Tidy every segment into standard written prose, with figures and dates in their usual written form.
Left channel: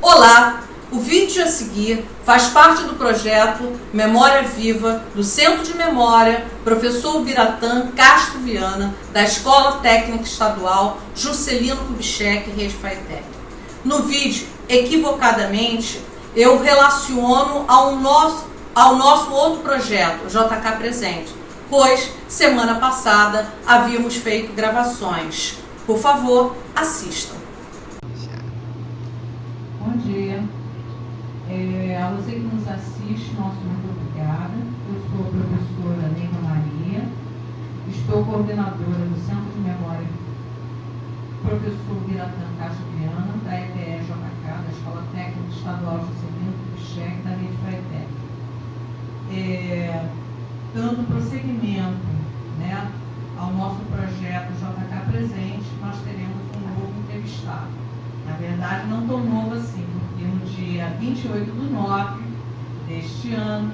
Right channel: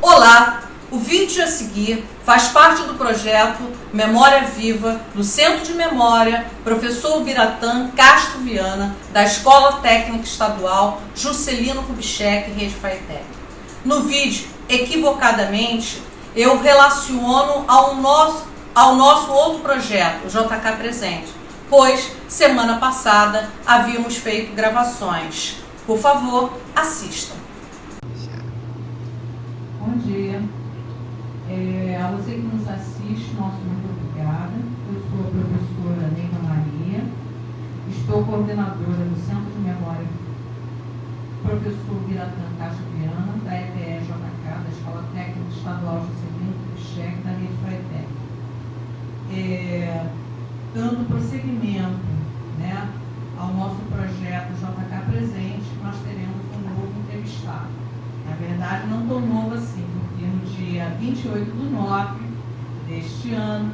Olá! O vídeo a seguir faz parte do projeto Memória Viva do Centro de Memória Professor Ubiratã Castro Viana, da Escola Técnica Estadual Juscelino Kubitschek, Rede Faetec. No vídeo, equivocadamente, eu relaciono ao nosso outro projeto, o JK Presente, pois semana passada havíamos feito gravações. Por favor, assistam. Bom dia. A você que nos assiste, nosso muito obrigada. Eu sou a professora Neida Maria, estou coordenadora do Centro de Memória Professor Ubiratã Castro Viana, da EBE-JK, da Escola Técnica Estadual Juscelino Kubitschek, da Rede Faetec. Dando prosseguimento, ao nosso projeto JK Presente, nós teremos um novo entrevistado. Na verdade, não tão novo assim, porque no dia 28/9 deste ano,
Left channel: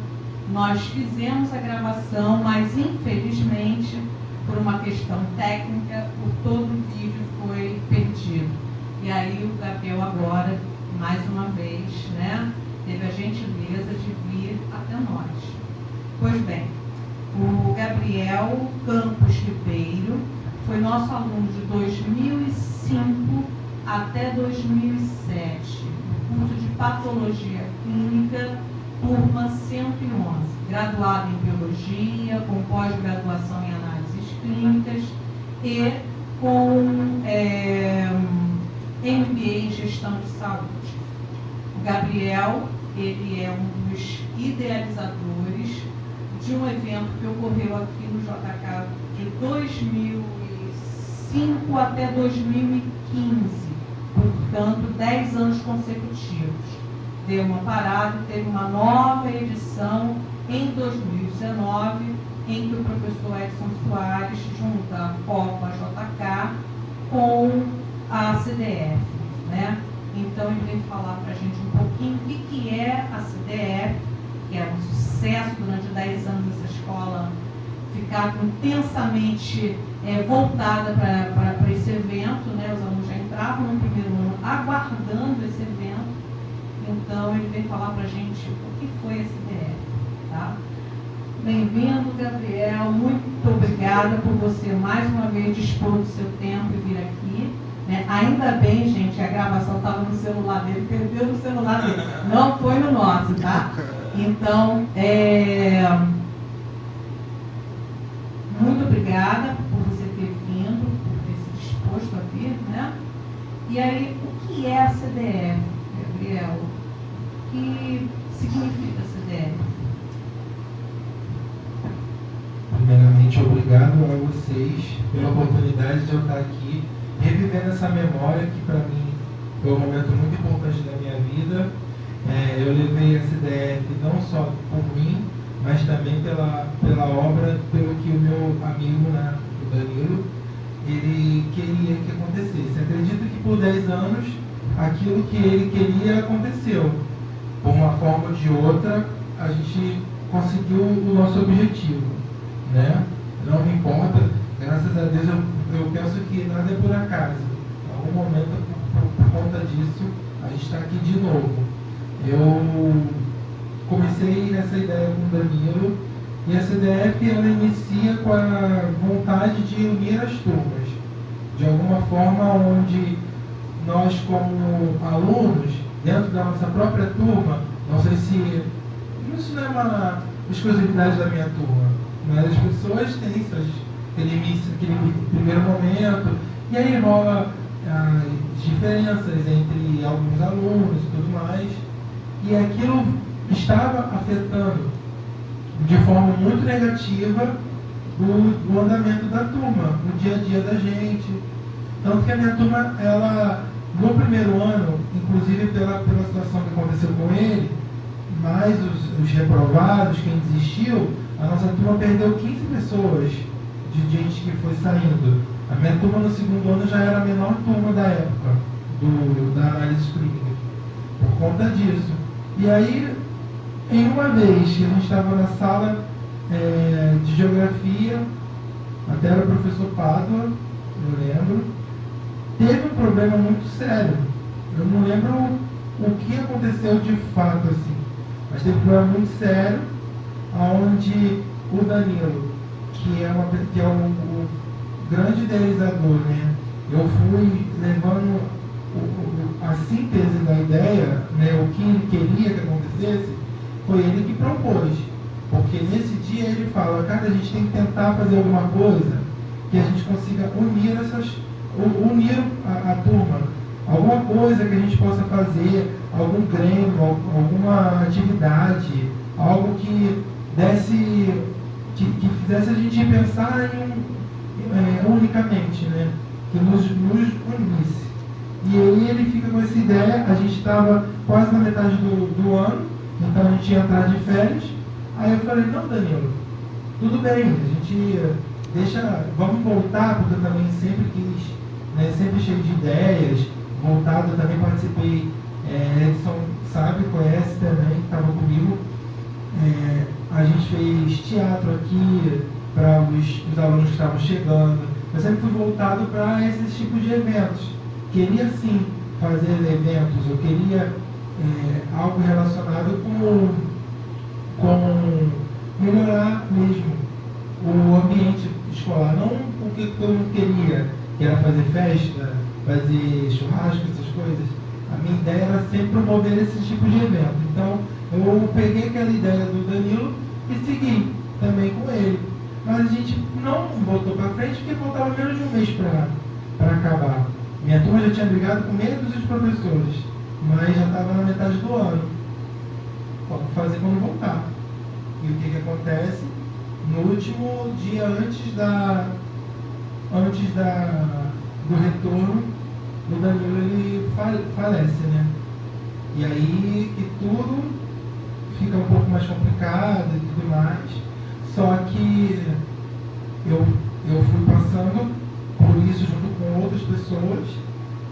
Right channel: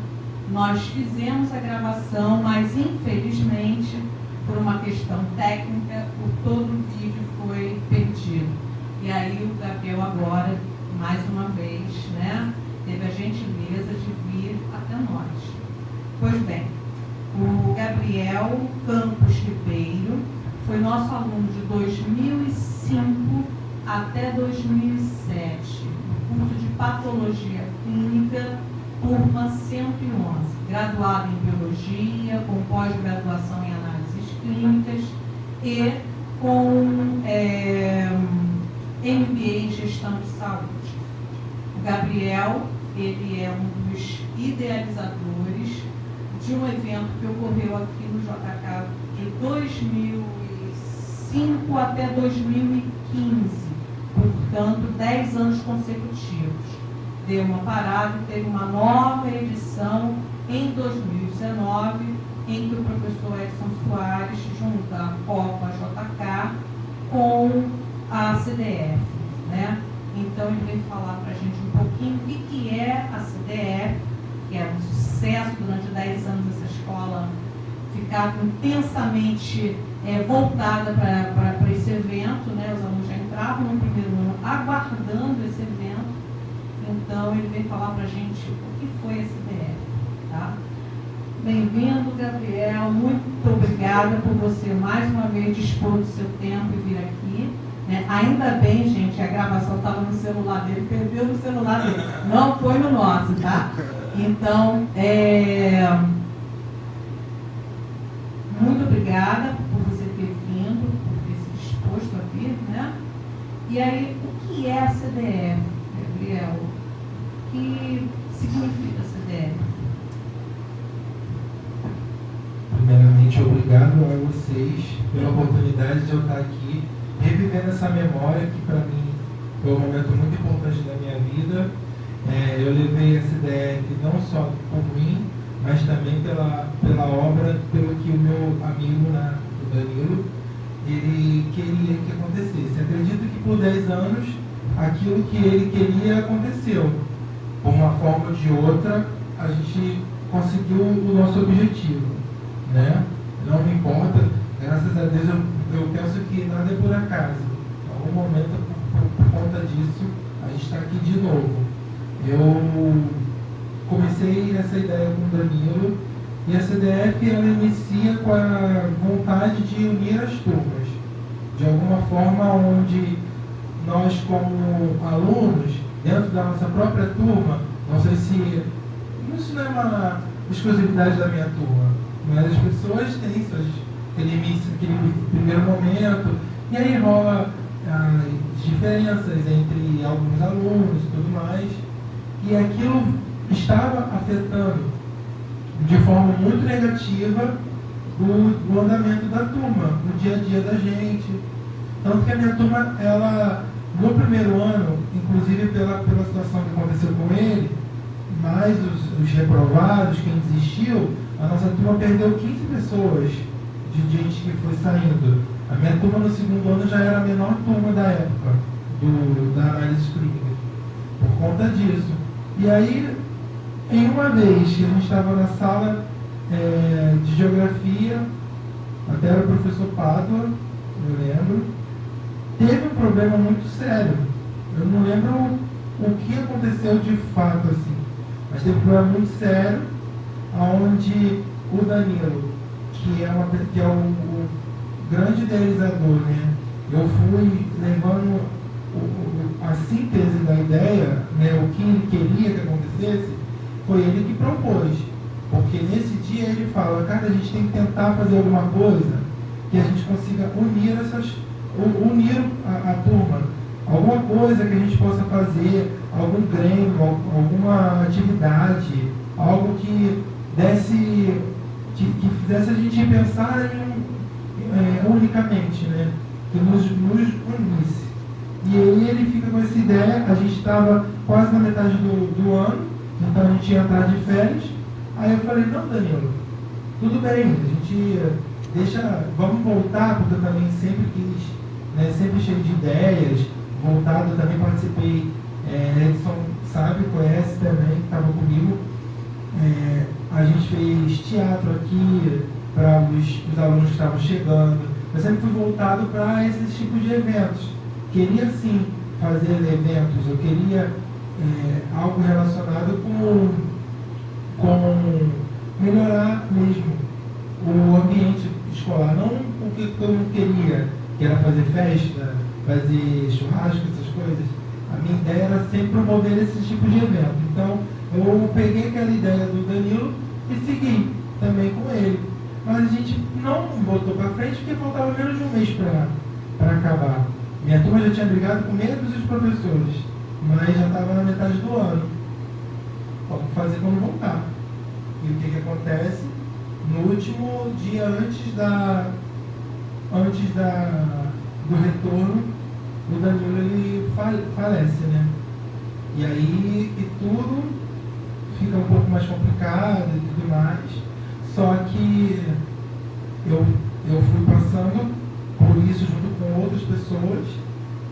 nós fizemos a gravação, mas infelizmente, por uma questão técnica, todo o vídeo foi perdido. E aí o Gabriel agora, mais uma vez, teve a gentileza de vir até nós. Pois bem, o Gabriel Campos Ribeiro foi nosso aluno de 2005 até 2007, no curso de Patologia Clínica, turma 111, graduado em Biologia, com pós-graduação em Análises Clínicas e com MBA em Gestão de Saúde. O Gabriel, ele é um dos idealizadores de um evento que ocorreu aqui no JK de 2005 até 2015, portanto, 10 anos consecutivos. Deu uma parada e teve uma nova edição em 2019, em que o professor Edson Soares junta a Copa JK com a CDF. Então, ele veio falar para a gente um pouquinho o que é a CDF, que é um sucesso durante 10 anos essa escola ficar intensamente voltada para esse evento, Os alunos já entravam no primeiro ano aguardando esse evento. Então, ele veio falar para a gente o que foi a CDF. Tá? Bem-vindo, Gabriel. Muito obrigada por você mais uma vez dispor do seu tempo e vir aqui. Ainda bem, gente, a gravação estava no celular dele, perdeu no celular dele. Não foi no nosso, tá? Então, muito obrigada por você ter vindo, por ter se disposto a vir, E aí, o que é a CDF, Gabriel? O que significa a CDF? Primeiramente, obrigado a vocês pela oportunidade de eu estar aqui, revivendo essa memória que para mim foi um momento muito importante da minha vida. Eu levei a CDF não só por mim, mas também pela obra, pelo que o meu amigo, o Danilo, ele queria que acontecesse. Acredito que por 10 anos, aquilo que ele queria aconteceu. Por uma forma ou de outra, a gente conseguiu o nosso objetivo. Não me importa, graças a Deus eu penso que nada é por acaso. Em algum momento, por conta disso, a gente está aqui de novo. Eu comecei nessa ideia com o Danilo, e a CDF ela inicia com a vontade de unir as turmas. De alguma forma, onde nós, como alunos, dentro da nossa própria turma, não sei se isso não é uma exclusividade da minha turma, mas as pessoas têm aquele primeiro momento, e aí rola as diferenças entre alguns alunos e tudo mais, e aquilo estava afetando de forma muito negativa o andamento da turma, o dia a dia da gente. Tanto que a minha turma, ela, no primeiro ano, inclusive pela situação que aconteceu com ele, mais os reprovados, quem desistiu, a nossa turma perdeu 15 pessoas de gente que foi saindo. A minha turma no segundo ano já era a menor turma da época, da análise clínica, por conta disso. E aí, em uma vez que a gente estava na sala de geografia, até era o professor Pádua, eu lembro, teve um problema muito sério. Eu não lembro o que aconteceu de fato, assim. Mas teve um problema muito sério, onde o Danilo, que é o grande idealizador, né? Eu fui levando a síntese da ideia, né? O que ele queria que acontecesse, foi ele que propôs. Porque nesse dia ele fala, cara, a gente tem que tentar fazer alguma coisa que a gente consiga unir a turma. Alguma coisa que a gente possa fazer, algum grêmio, alguma atividade, algo que fizesse a gente pensar unicamente, né? Que nos unisse. E aí ele fica com essa ideia, a gente estava quase na metade do ano, então a gente ia entrar de férias. Aí eu falei, não, Danilo, tudo bem, a gente vamos voltar, porque eu também sempre quis, né, sempre cheio de ideias, voltado, eu também participei, Edson sabe, conhece também, estava comigo, a gente fez teatro aqui para os alunos que estavam chegando, eu sempre fui voltado para esses tipos de eventos, queria sim fazer eventos, eu queria algo relacionado com melhorar mesmo o ambiente escolar, não o que eu não queria, que era fazer festa, fazer churrasco, essas coisas. A minha ideia era sempre promover esse tipo de evento. Então, eu peguei aquela ideia do Danilo e segui também com ele. Mas a gente não botou para frente porque faltava menos de um mês para acabar. Minha turma já tinha brigado com meio dos professores, mas já estava na metade do ano. O que fazer quando voltar? E o que acontece? No último dia antes do retorno, o Danilo ele falece, né? E aí que tudo fica um pouco mais complicado e tudo mais. Só que eu fui passando por isso junto com outras pessoas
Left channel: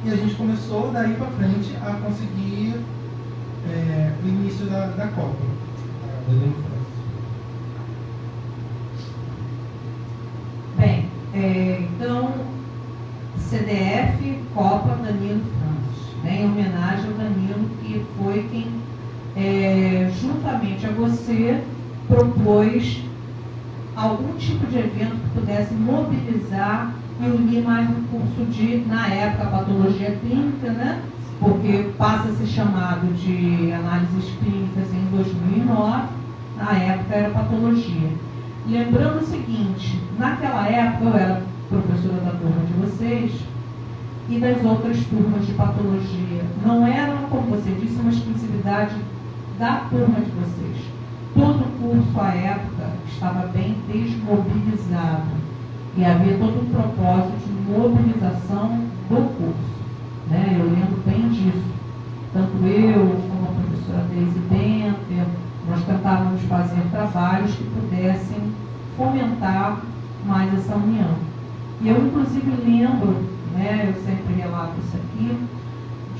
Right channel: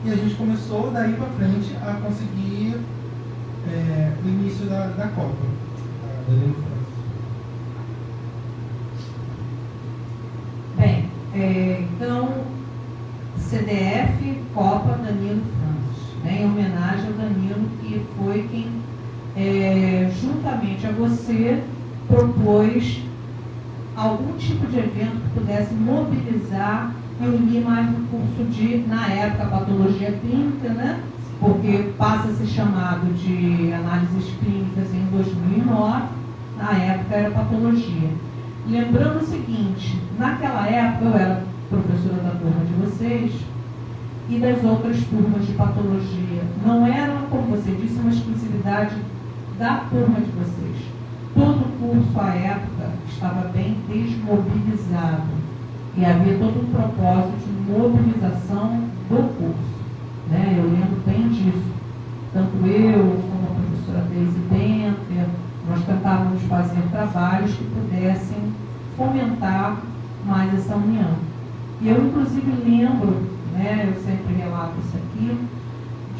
e a gente começou daí para frente a conseguir o início da Copa. Bem, então, CDF Copa Danilo Francis, né, em homenagem ao Danilo, que foi quem, juntamente a você, propôs algum tipo de evento que pudesse mobilizar e unir mais um curso na época, patologia clínica, né? Porque passa a ser chamado de análises clínicas em 2009, na época era patologia. Lembrando o seguinte, naquela época eu era professora da turma de vocês e das outras turmas de patologia. Não era, como você disse, uma exclusividade da turma de vocês. Todo o curso, à época, estava bem desmobilizado e havia todo um propósito de mobilização do curso. Né? Eu lembro bem disso. Tanto eu como a professora Deise Benter, nós tentávamos fazer trabalhos que pudessem fomentar mais essa união. E eu, inclusive, lembro, né, eu sempre relato isso aqui,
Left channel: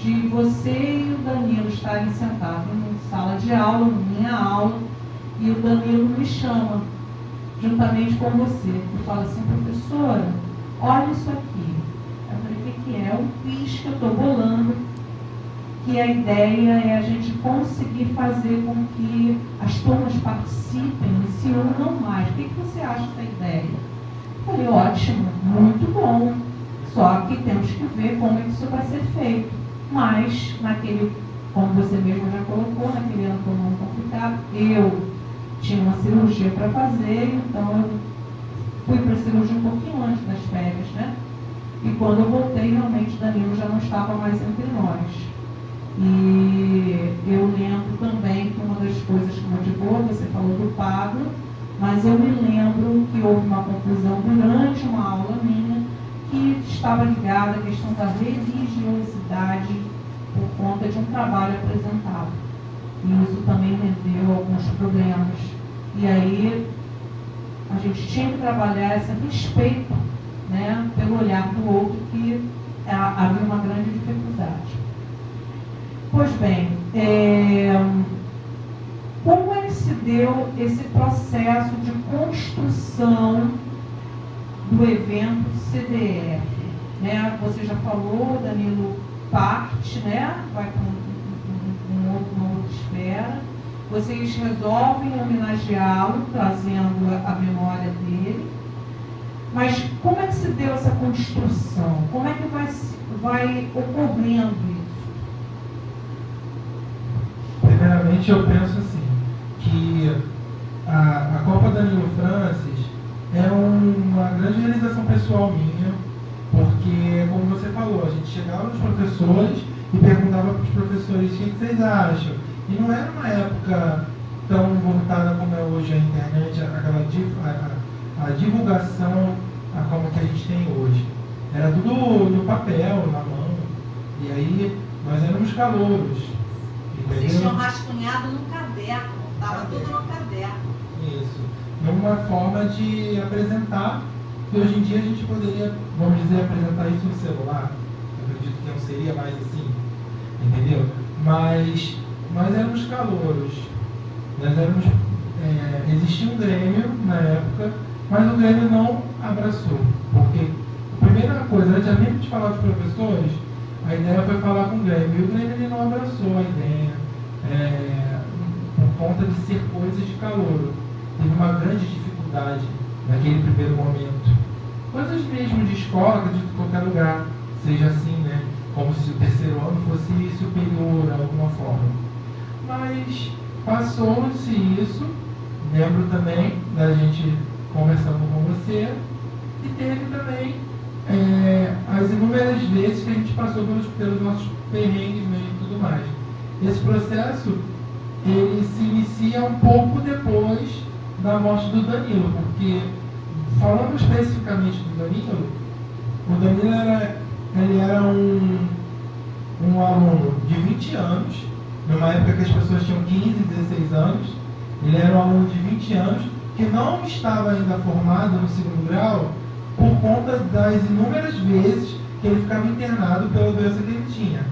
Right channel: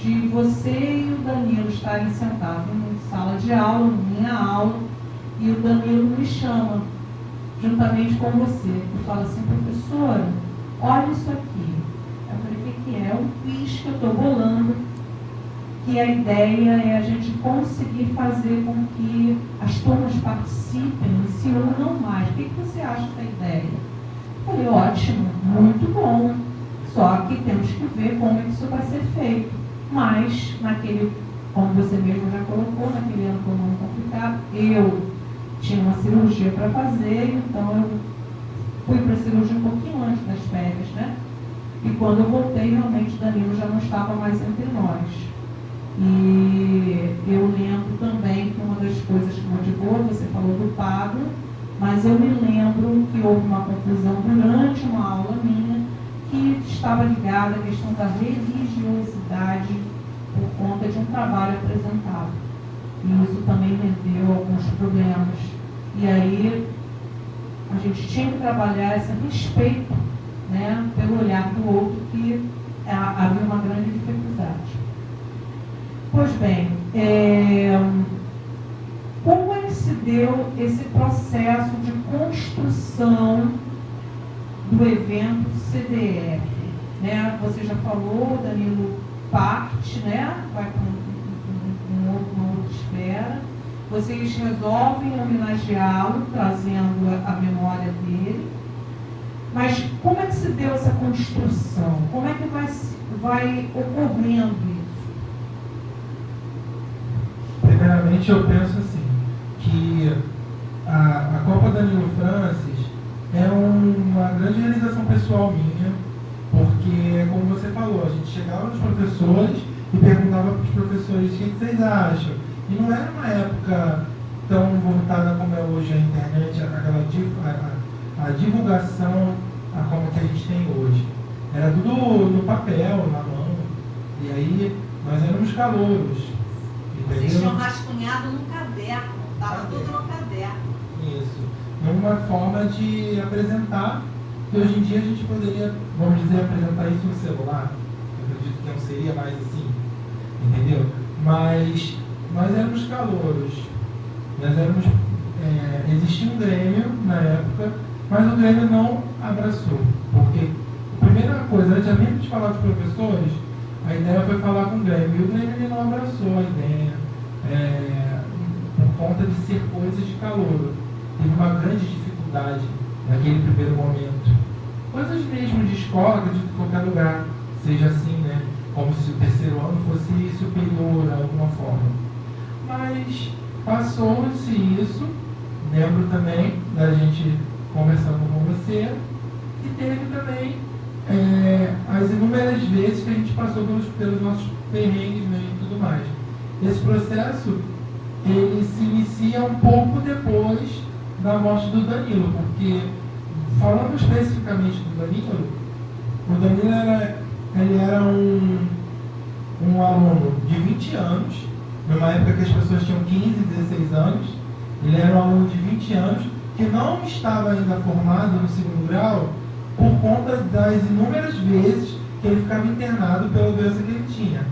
de você e o Danilo estarem sentados em sala de aula, minha aula, e o Danilo me chama, juntamente com você, e fala assim, professora, olha isso aqui. Eu falei, o que é? Um quiz que eu estou bolando, que a ideia é a gente conseguir fazer com que as turmas participem e se unam mais. O que você acha da ideia? Eu falei, ótimo, muito bom, só que temos que ver como é que isso vai ser feito. Mas, como você mesmo já colocou, naquele ano foi muito complicado, eu tinha uma cirurgia para fazer, então eu fui para a cirurgia um pouquinho antes das férias, né? E quando eu voltei, realmente, Danilo já não estava mais entre nós. E eu lembro também que uma das coisas que motivou, você falou do Pablo, mas eu me lembro que houve uma confusão durante uma aula minha que estava ligada à questão da religiosidade por conta de um trabalho apresentado. E isso também rendeu alguns problemas. E aí a gente tinha que trabalhar esse respeito, né, pelo olhar do outro, que havia uma grande dificuldade. Pois bem, como é que se deu esse processo de construção do evento CDF? Né? Você já falou, Danilo parte, né? Vai com um Vocês resolvem homenageá-lo, trazendo a memória dele. Mas como é que se deu essa construção? Como é que vai ocorrendo isso? Primeiramente, eu penso assim, que a Copa Danilo Francis é uma grande realização pessoal minha, porque, como você falou, a gente chegava nos professores e perguntava para os professores o que vocês acham. E não era uma época tão voltada como é hoje a internet, a divulgação como que a gente tem hoje. Era tudo no papel, na mão. E aí nós éramos calouros. Vocês tinham rascunhado no caderno, estava tudo no caderno. Isso. É uma forma de apresentar, que hoje em dia a gente poderia, vamos dizer, apresentar isso no celular. Eu acredito que não seria mais assim, entendeu? Mas nós éramos calouros. Nós éramos, existia um Grêmio na época, mas o Grêmio não abraçou. Porque a primeira coisa, antes mesmo de falar com os professores, a ideia foi falar com o Grêmio. E o Grêmio ele não abraçou a ideia, por conta de ser coisas de calouro. Teve uma grande dificuldade naquele primeiro momento. Coisas mesmo de escola, de qualquer lugar, seja assim, né? Como se o terceiro ano fosse superior a alguma forma. Mas passou-se isso, lembro também da gente conversando com você, e teve também as inúmeras vezes que a gente passou pelos nossos perrengues e tudo mais. Esse processo, ele se inicia um pouco depois da morte do Danilo, porque, falando especificamente do Danilo, o Danilo era um aluno de 20 anos, numa época que as pessoas tinham 15, 16 anos. Ele era um aluno de 20 anos que não estava ainda formado no segundo grau por conta das inúmeras vezes que ele ficava internado pela doença que ele tinha.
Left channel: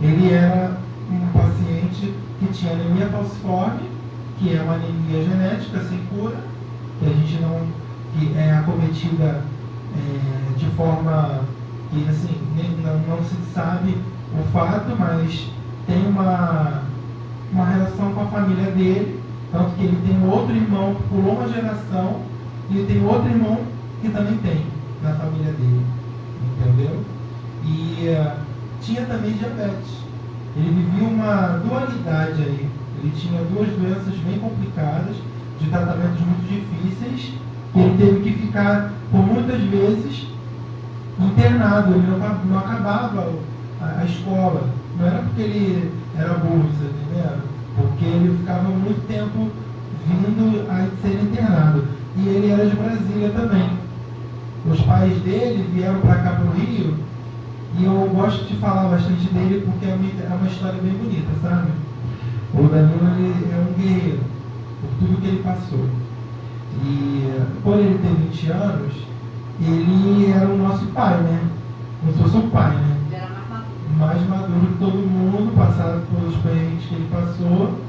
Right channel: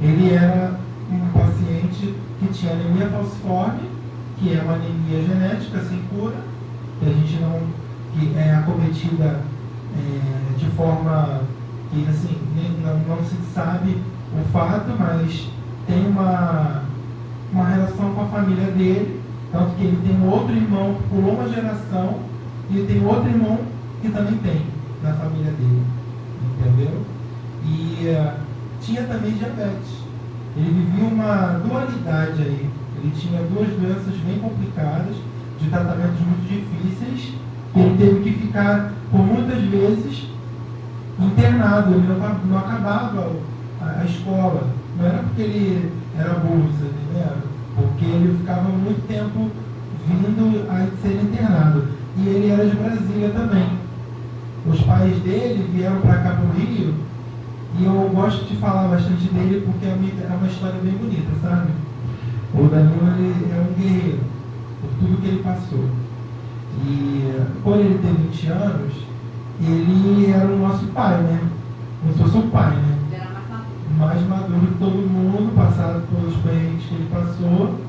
Ele era um paciente que tinha anemia falciforme, que é uma anemia genética sem cura, que é acometida de forma que assim, não se sabe o fato, mas tem uma relação com a família dele, tanto que ele tem um outro irmão que pulou uma geração e ele tem outro irmão que também tem na família dele, entendeu? E tinha também diabetes. Ele vivia uma dualidade aí. Ele tinha duas doenças bem complicadas, de tratamentos muito difíceis, que ele teve que ficar, por muitas vezes, internado. Ele não acabava a escola. Não era porque ele era burro, tá entendendo? Porque ele ficava muito tempo vindo a ser internado. E ele era de Brasília também. Os pais dele vieram para cá para o Rio, e eu gosto de falar bastante dele porque é uma história bem bonita, sabe? O Danilo ele é um guerreiro, por tudo que ele passou. E por ele ter 20 anos, ele era o nosso pai, né? Como se fosse o pai, né? Mais maduro que todo mundo, passado pelos perrengues que ele passou.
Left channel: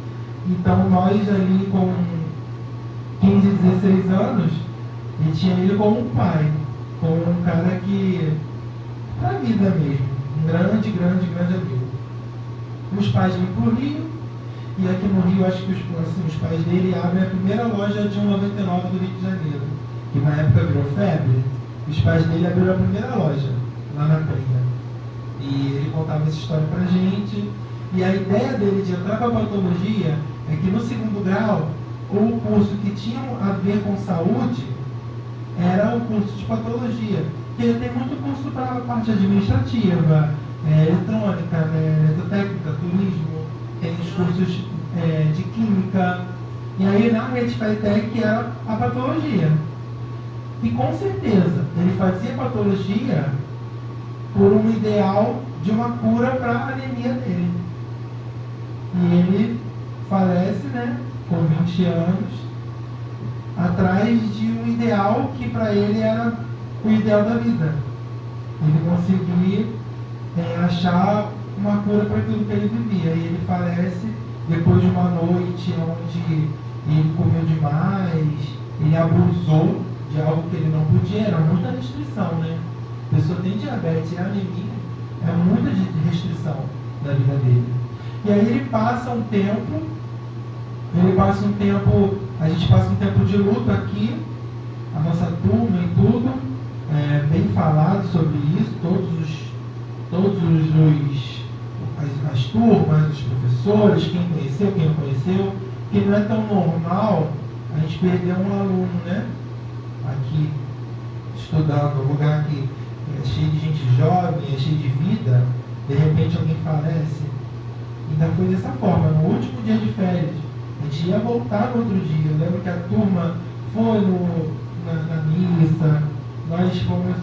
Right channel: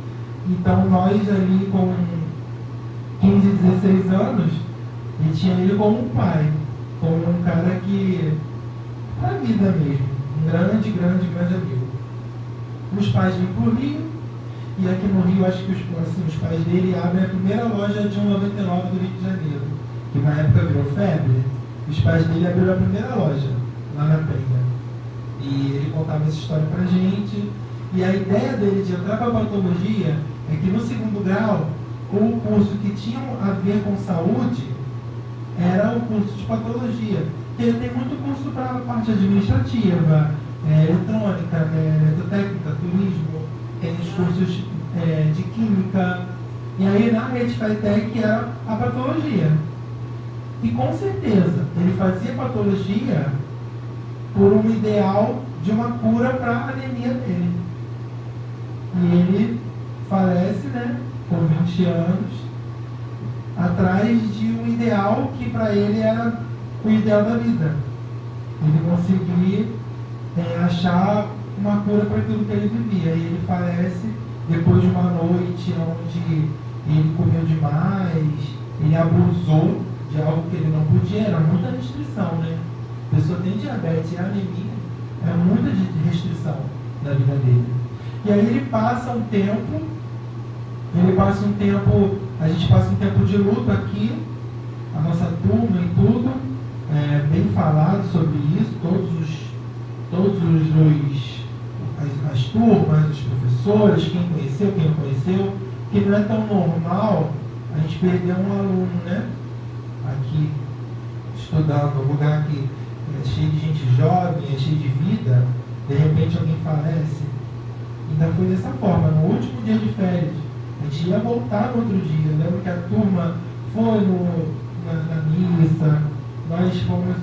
Então nós ali com 15, 16 anos, e tinha ele como um pai, como um cara que, para a vida mesmo, um grande amigo. Os pais vêm para o Rio, e aqui no Rio acho que os pais dele abrem a primeira loja de 1,99 do Rio de Janeiro, que na época virou febre. Os pais dele abriram a primeira loja, lá na Penha. E ele contava essa história pra gente. E a ideia dele de entrar para a patologia é que no segundo grau, o curso que tinha a ver com saúde era o curso de patologia. Porque tem muito curso para a parte administrativa, eletrônica, eletrotécnica, turismo, tem os cursos de química. E aí na rede FATEC era a patologia. E com certeza ele fazia patologia por um ideal de uma cura para a anemia dele. E ele falece, né, com 20 anos, atrás de um ideal que para ele era o ideal da vida. Ele conseguia achar uma cura para aquilo que ele vivia. E ele falece depois de uma noite onde ele comeu demais, ele abusou de algo que ele não podia, era muita restrição, né? A pessoa tem diabetes e anemia, é muita restrição na vida dele. E aí ele passa um tempo a gente passa um tempo de luto aqui, a nossa turma e tudo, bem falado sobre isso, as turmas, os professores, quem conheceu, quem não conheceu, que não é tão normal a gente perder um aluno, né? Aqui, estudando, um lugar que é cheio de gente jovem, é cheio de vida, de repente alguém falece. Ainda foi dessa forma, no último dia de férias. A gente ia voltar no outro dia. Eu lembro que a turma foi na missa, nós fomos.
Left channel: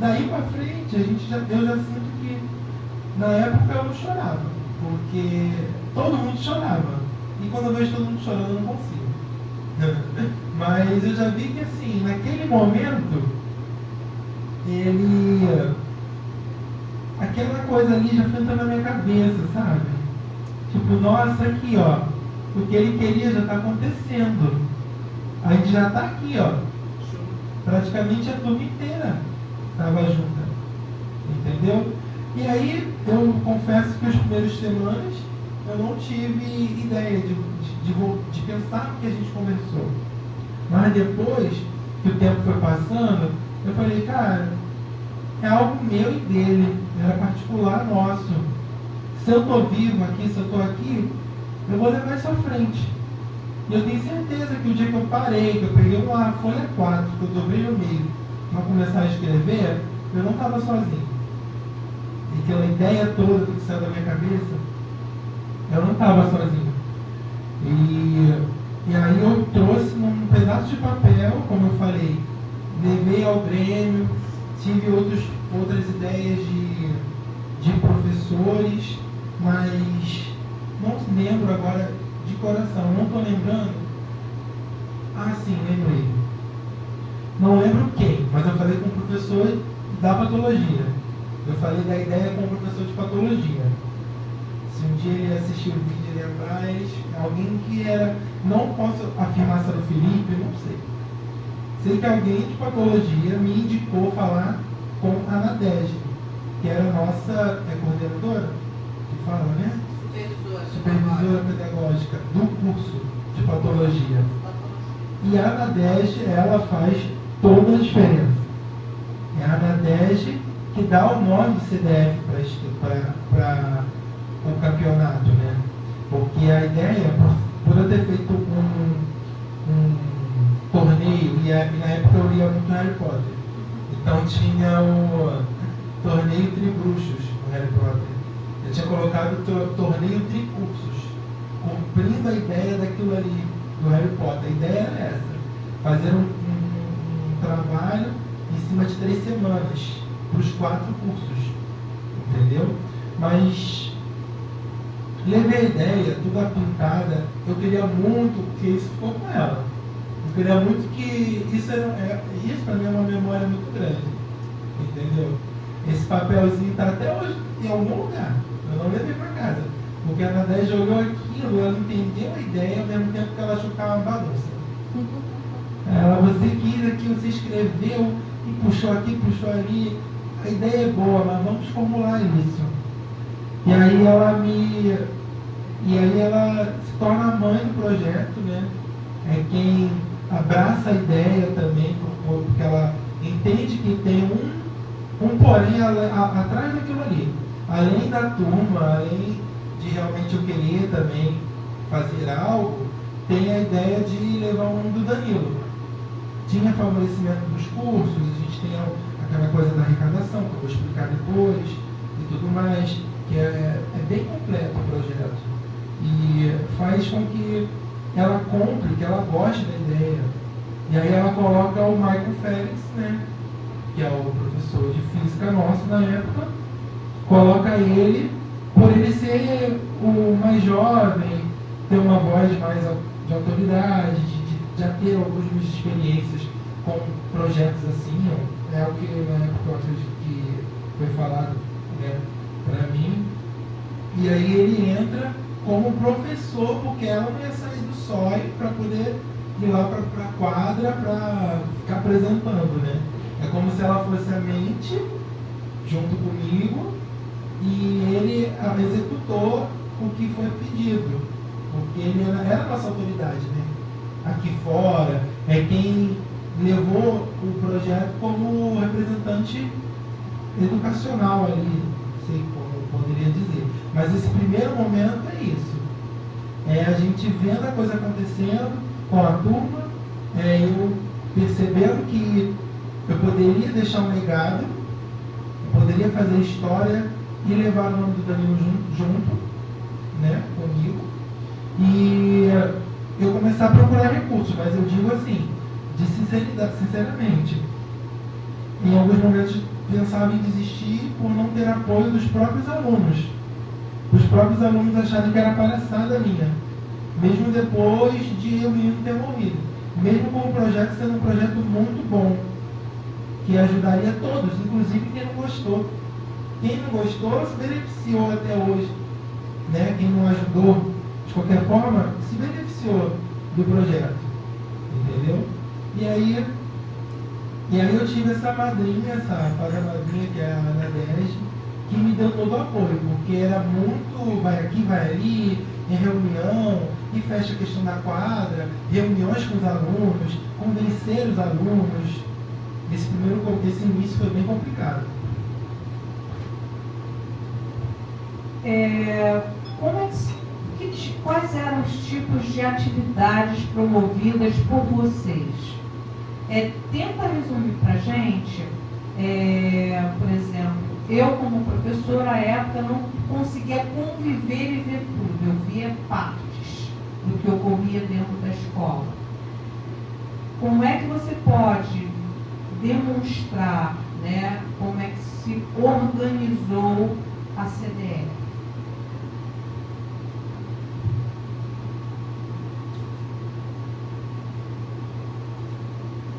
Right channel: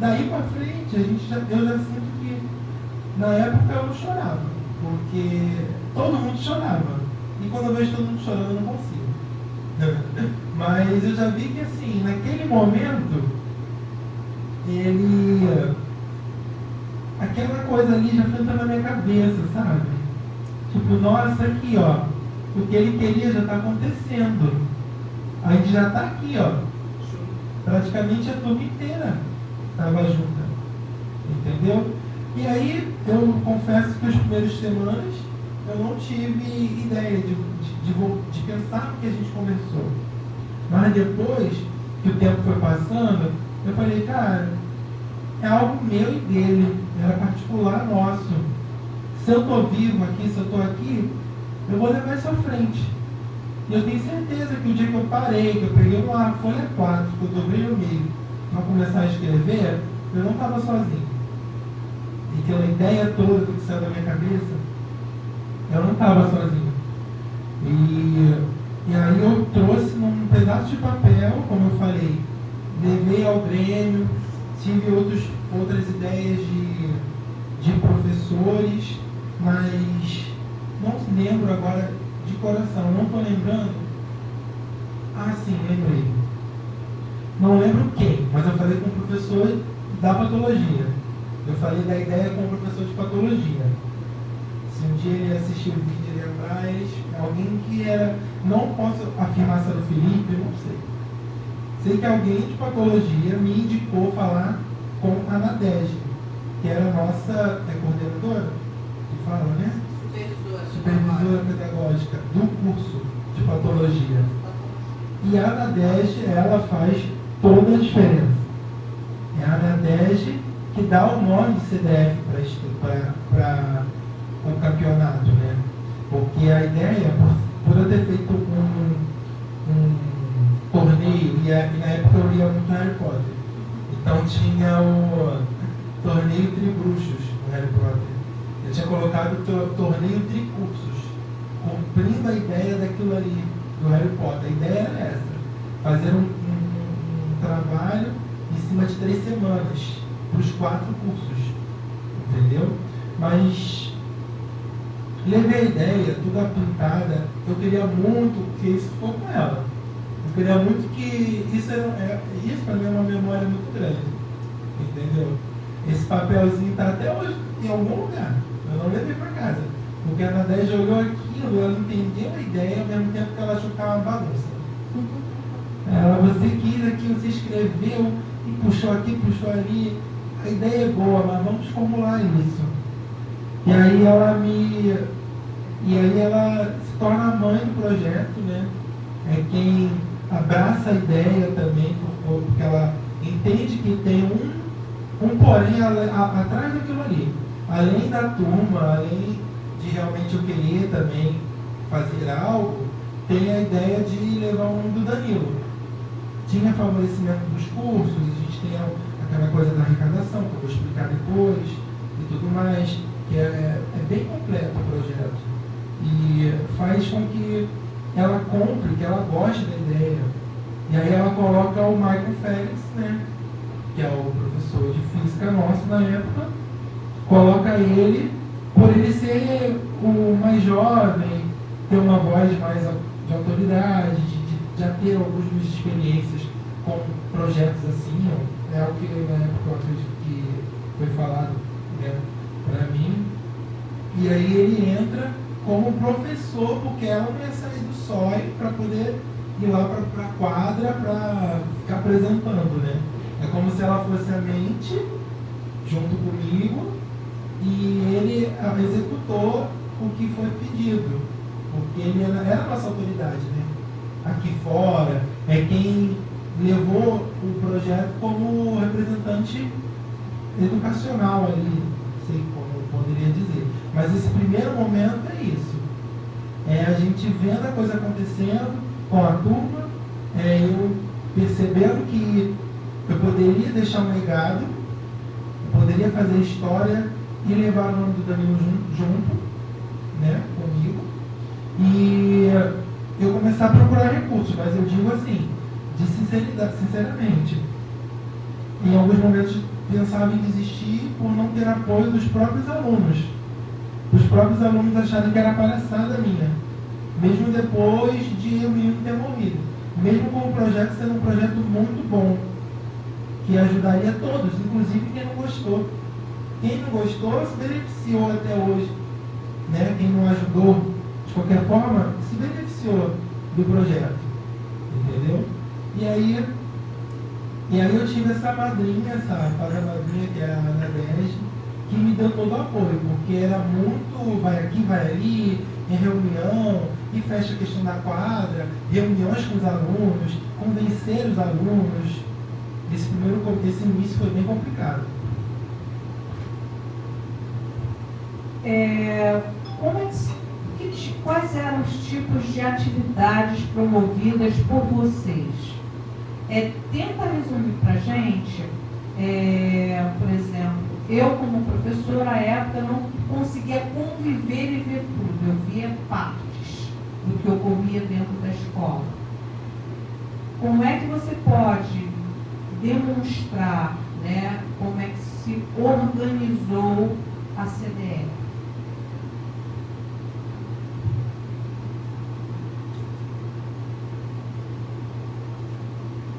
Daí para frente, eu já sinto que na época eu não chorava, porque todo mundo chorava. E quando eu vejo todo mundo chorando, eu não consigo. Mas eu já vi que assim, naquele momento, aquela coisa ali já foi entrando na minha cabeça, sabe? Tipo, nossa, aqui ó, o que ele queria já está acontecendo. A gente já está aqui, ó. Praticamente a turma inteira estava junta. Entendeu? E aí, eu confesso que as primeiras semanas eu não tive ideia de pensar no que a gente conversou. Mas depois que o tempo foi passando, eu falei, cara, é algo meu e dele, era particular nosso. Se eu estou vivo aqui, se eu estou aqui, eu vou levar isso à frente. E eu tenho certeza que o dia que eu parei, que eu peguei uma folha 4, que eu dobrei no meio, para começar a escrever, eu não estava sozinho. E aquela ideia toda que saiu da minha cabeça, eu não estava sozinho. E aí eu trouxe num pedaço de papel, como eu falei, levei ao Grêmio, tive outras ideias de professores, mas não lembro agora de coração, não estou lembrando. Ah, sim, lembrei. Não lembro quem, mas eu falei com o professor da patologia. Eu falei da ideia com o professor de patologia. Se um dia ele assistir o vídeo, ele lembrar, alguém que era, não posso afirmar se era o Felipe, eu não sei. Sei que alguém de patologia me indicou falar com a Nadege, que era a nossa coordenadora, que fala, né? Supervisora pedagógica do curso de patologia. E a Nadege, ela faz toda a diferença. É a Nadege que dá o nome de CDF para o campeonato, né? Porque a ideia, por eu ter feito um torneio, e na época eu lia muito Harry Potter, então tinha o torneio Tribruxos no Harry Potter. Eu tinha colocado o torneio Tricursos, cumprindo a ideia daquilo ali, do Harry Potter. A ideia era essa, fazer um trabalho em cima de 3 semanas, para os 4 cursos, entendeu? Mas levei a ideia, tudo aplicada, eu queria muito que isso ficou com ela. Eu queria muito que isso para mim é uma memória muito grande, entendeu? Esse papelzinho está até hoje em algum lugar, eu não levei para casa, porque a Nadege olhou aquilo, ela entendeu a ideia, ao mesmo tempo que ela achou que era uma bagunça. Você quis aqui, você escreveu e puxou aqui, puxou ali, a ideia é boa, mas vamos formular isso. E aí ela se torna a mãe do projeto, né? É quem abraça a ideia também, porque ela entende que tem um porém atrás daquilo ali. Além da turma, além de realmente eu querer também fazer algo, tem a ideia de levar o mundo do Danilo. Tinha favorecimento dos cursos, a gente tem aquela coisa da arrecadação, que eu vou explicar depois, e tudo mais, que é bem completo o projeto. E faz com que ela compre, que ela goste da ideia. E aí ela coloca o Michael Félix, né, que é o professor de física nosso na época, coloca ele, por ele ser o mais jovem, ter uma voz mais de autoridade, já ter algumas experiências com projetos assim, é o que na época eu acredito que foi falado, né, para mim. E aí ele entra como professor, porque ela não ia sair do SOI para poder ir lá para a quadra para ficar apresentando, né? É como se ela fosse a mente junto comigo e ele executou o que foi pedido. porque ele era a nossa autoridade, né? Aqui fora, é quem levou o projeto como representante educacional ali, não sei como eu poderia dizer. Mas esse primeiro momento é isso. É a gente vendo a coisa acontecendo com a turma, eu percebendo que eu poderia deixar um legado, eu poderia fazer história e levar o nome do Danilo junto, né, comigo. E eu começar a procurar recursos, mas eu digo assim, de sinceridade, sinceramente. Em alguns momentos pensava em desistir por não ter apoio dos próprios alunos. Os próprios alunos acharam que era palhaçada minha, mesmo depois de eu mesmo ter morrido. Mesmo com o projeto sendo um projeto muito bom, que ajudaria todos, inclusive quem não gostou. Quem não gostou se beneficiou até hoje, né? Quem não ajudou, de qualquer forma, se beneficiou do projeto, entendeu? E aí eu tive essa madrinha, essa fada madrinha, que era a Ana 10, que me deu todo o apoio, porque era muito, vai aqui, vai ali, em reunião, e fecha a questão da quadra, reuniões com os alunos, convencer os alunos. Esse início foi bem complicado. Quais eram os tipos de atividades promovidas por vocês? Tenta resumir para a gente, por exemplo, eu como professora à época não conseguia conviver e ver tudo, eu via partes do que ocorria dentro da escola. Como é que você pode demonstrar, né, como é que se organizou a CDF?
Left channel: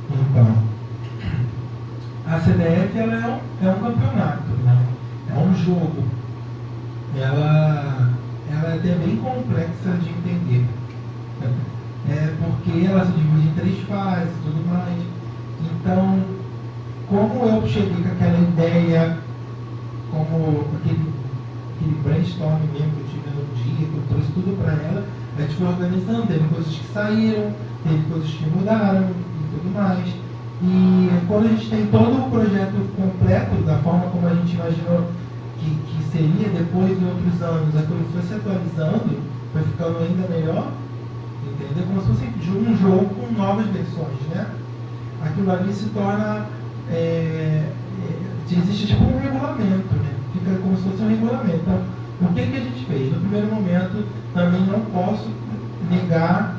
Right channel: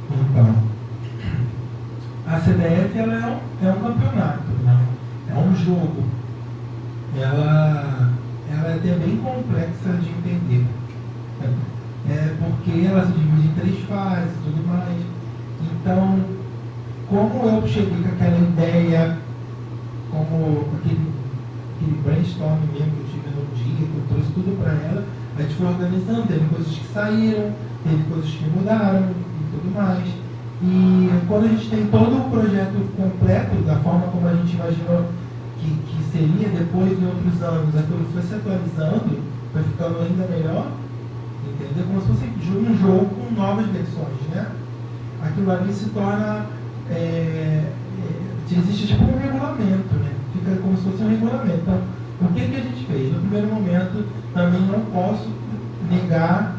Então, a CDF ela é um campeonato, né? É um jogo. Ela é até bem complexa de entender. Porque ela se divide em 3 fases e tudo mais. Então, como eu cheguei com aquela ideia, como aquele brainstorm mesmo que eu tive no dia, que eu trouxe tudo para ela, a gente foi organizando, teve coisas que saíram, teve coisas que mudaram e tudo mais. E quando a gente tem todo o projeto completo, da forma como a gente imaginou que seria, depois de outros anos, aquilo foi se atualizando, foi ficando ainda melhor, entendeu? Como se fosse um jogo com novas versões, né? Aquilo ali se torna, existe tipo um regulamento, né? Fica como se fosse um regulamento. Então, o que a gente fez? No primeiro momento, também não posso negar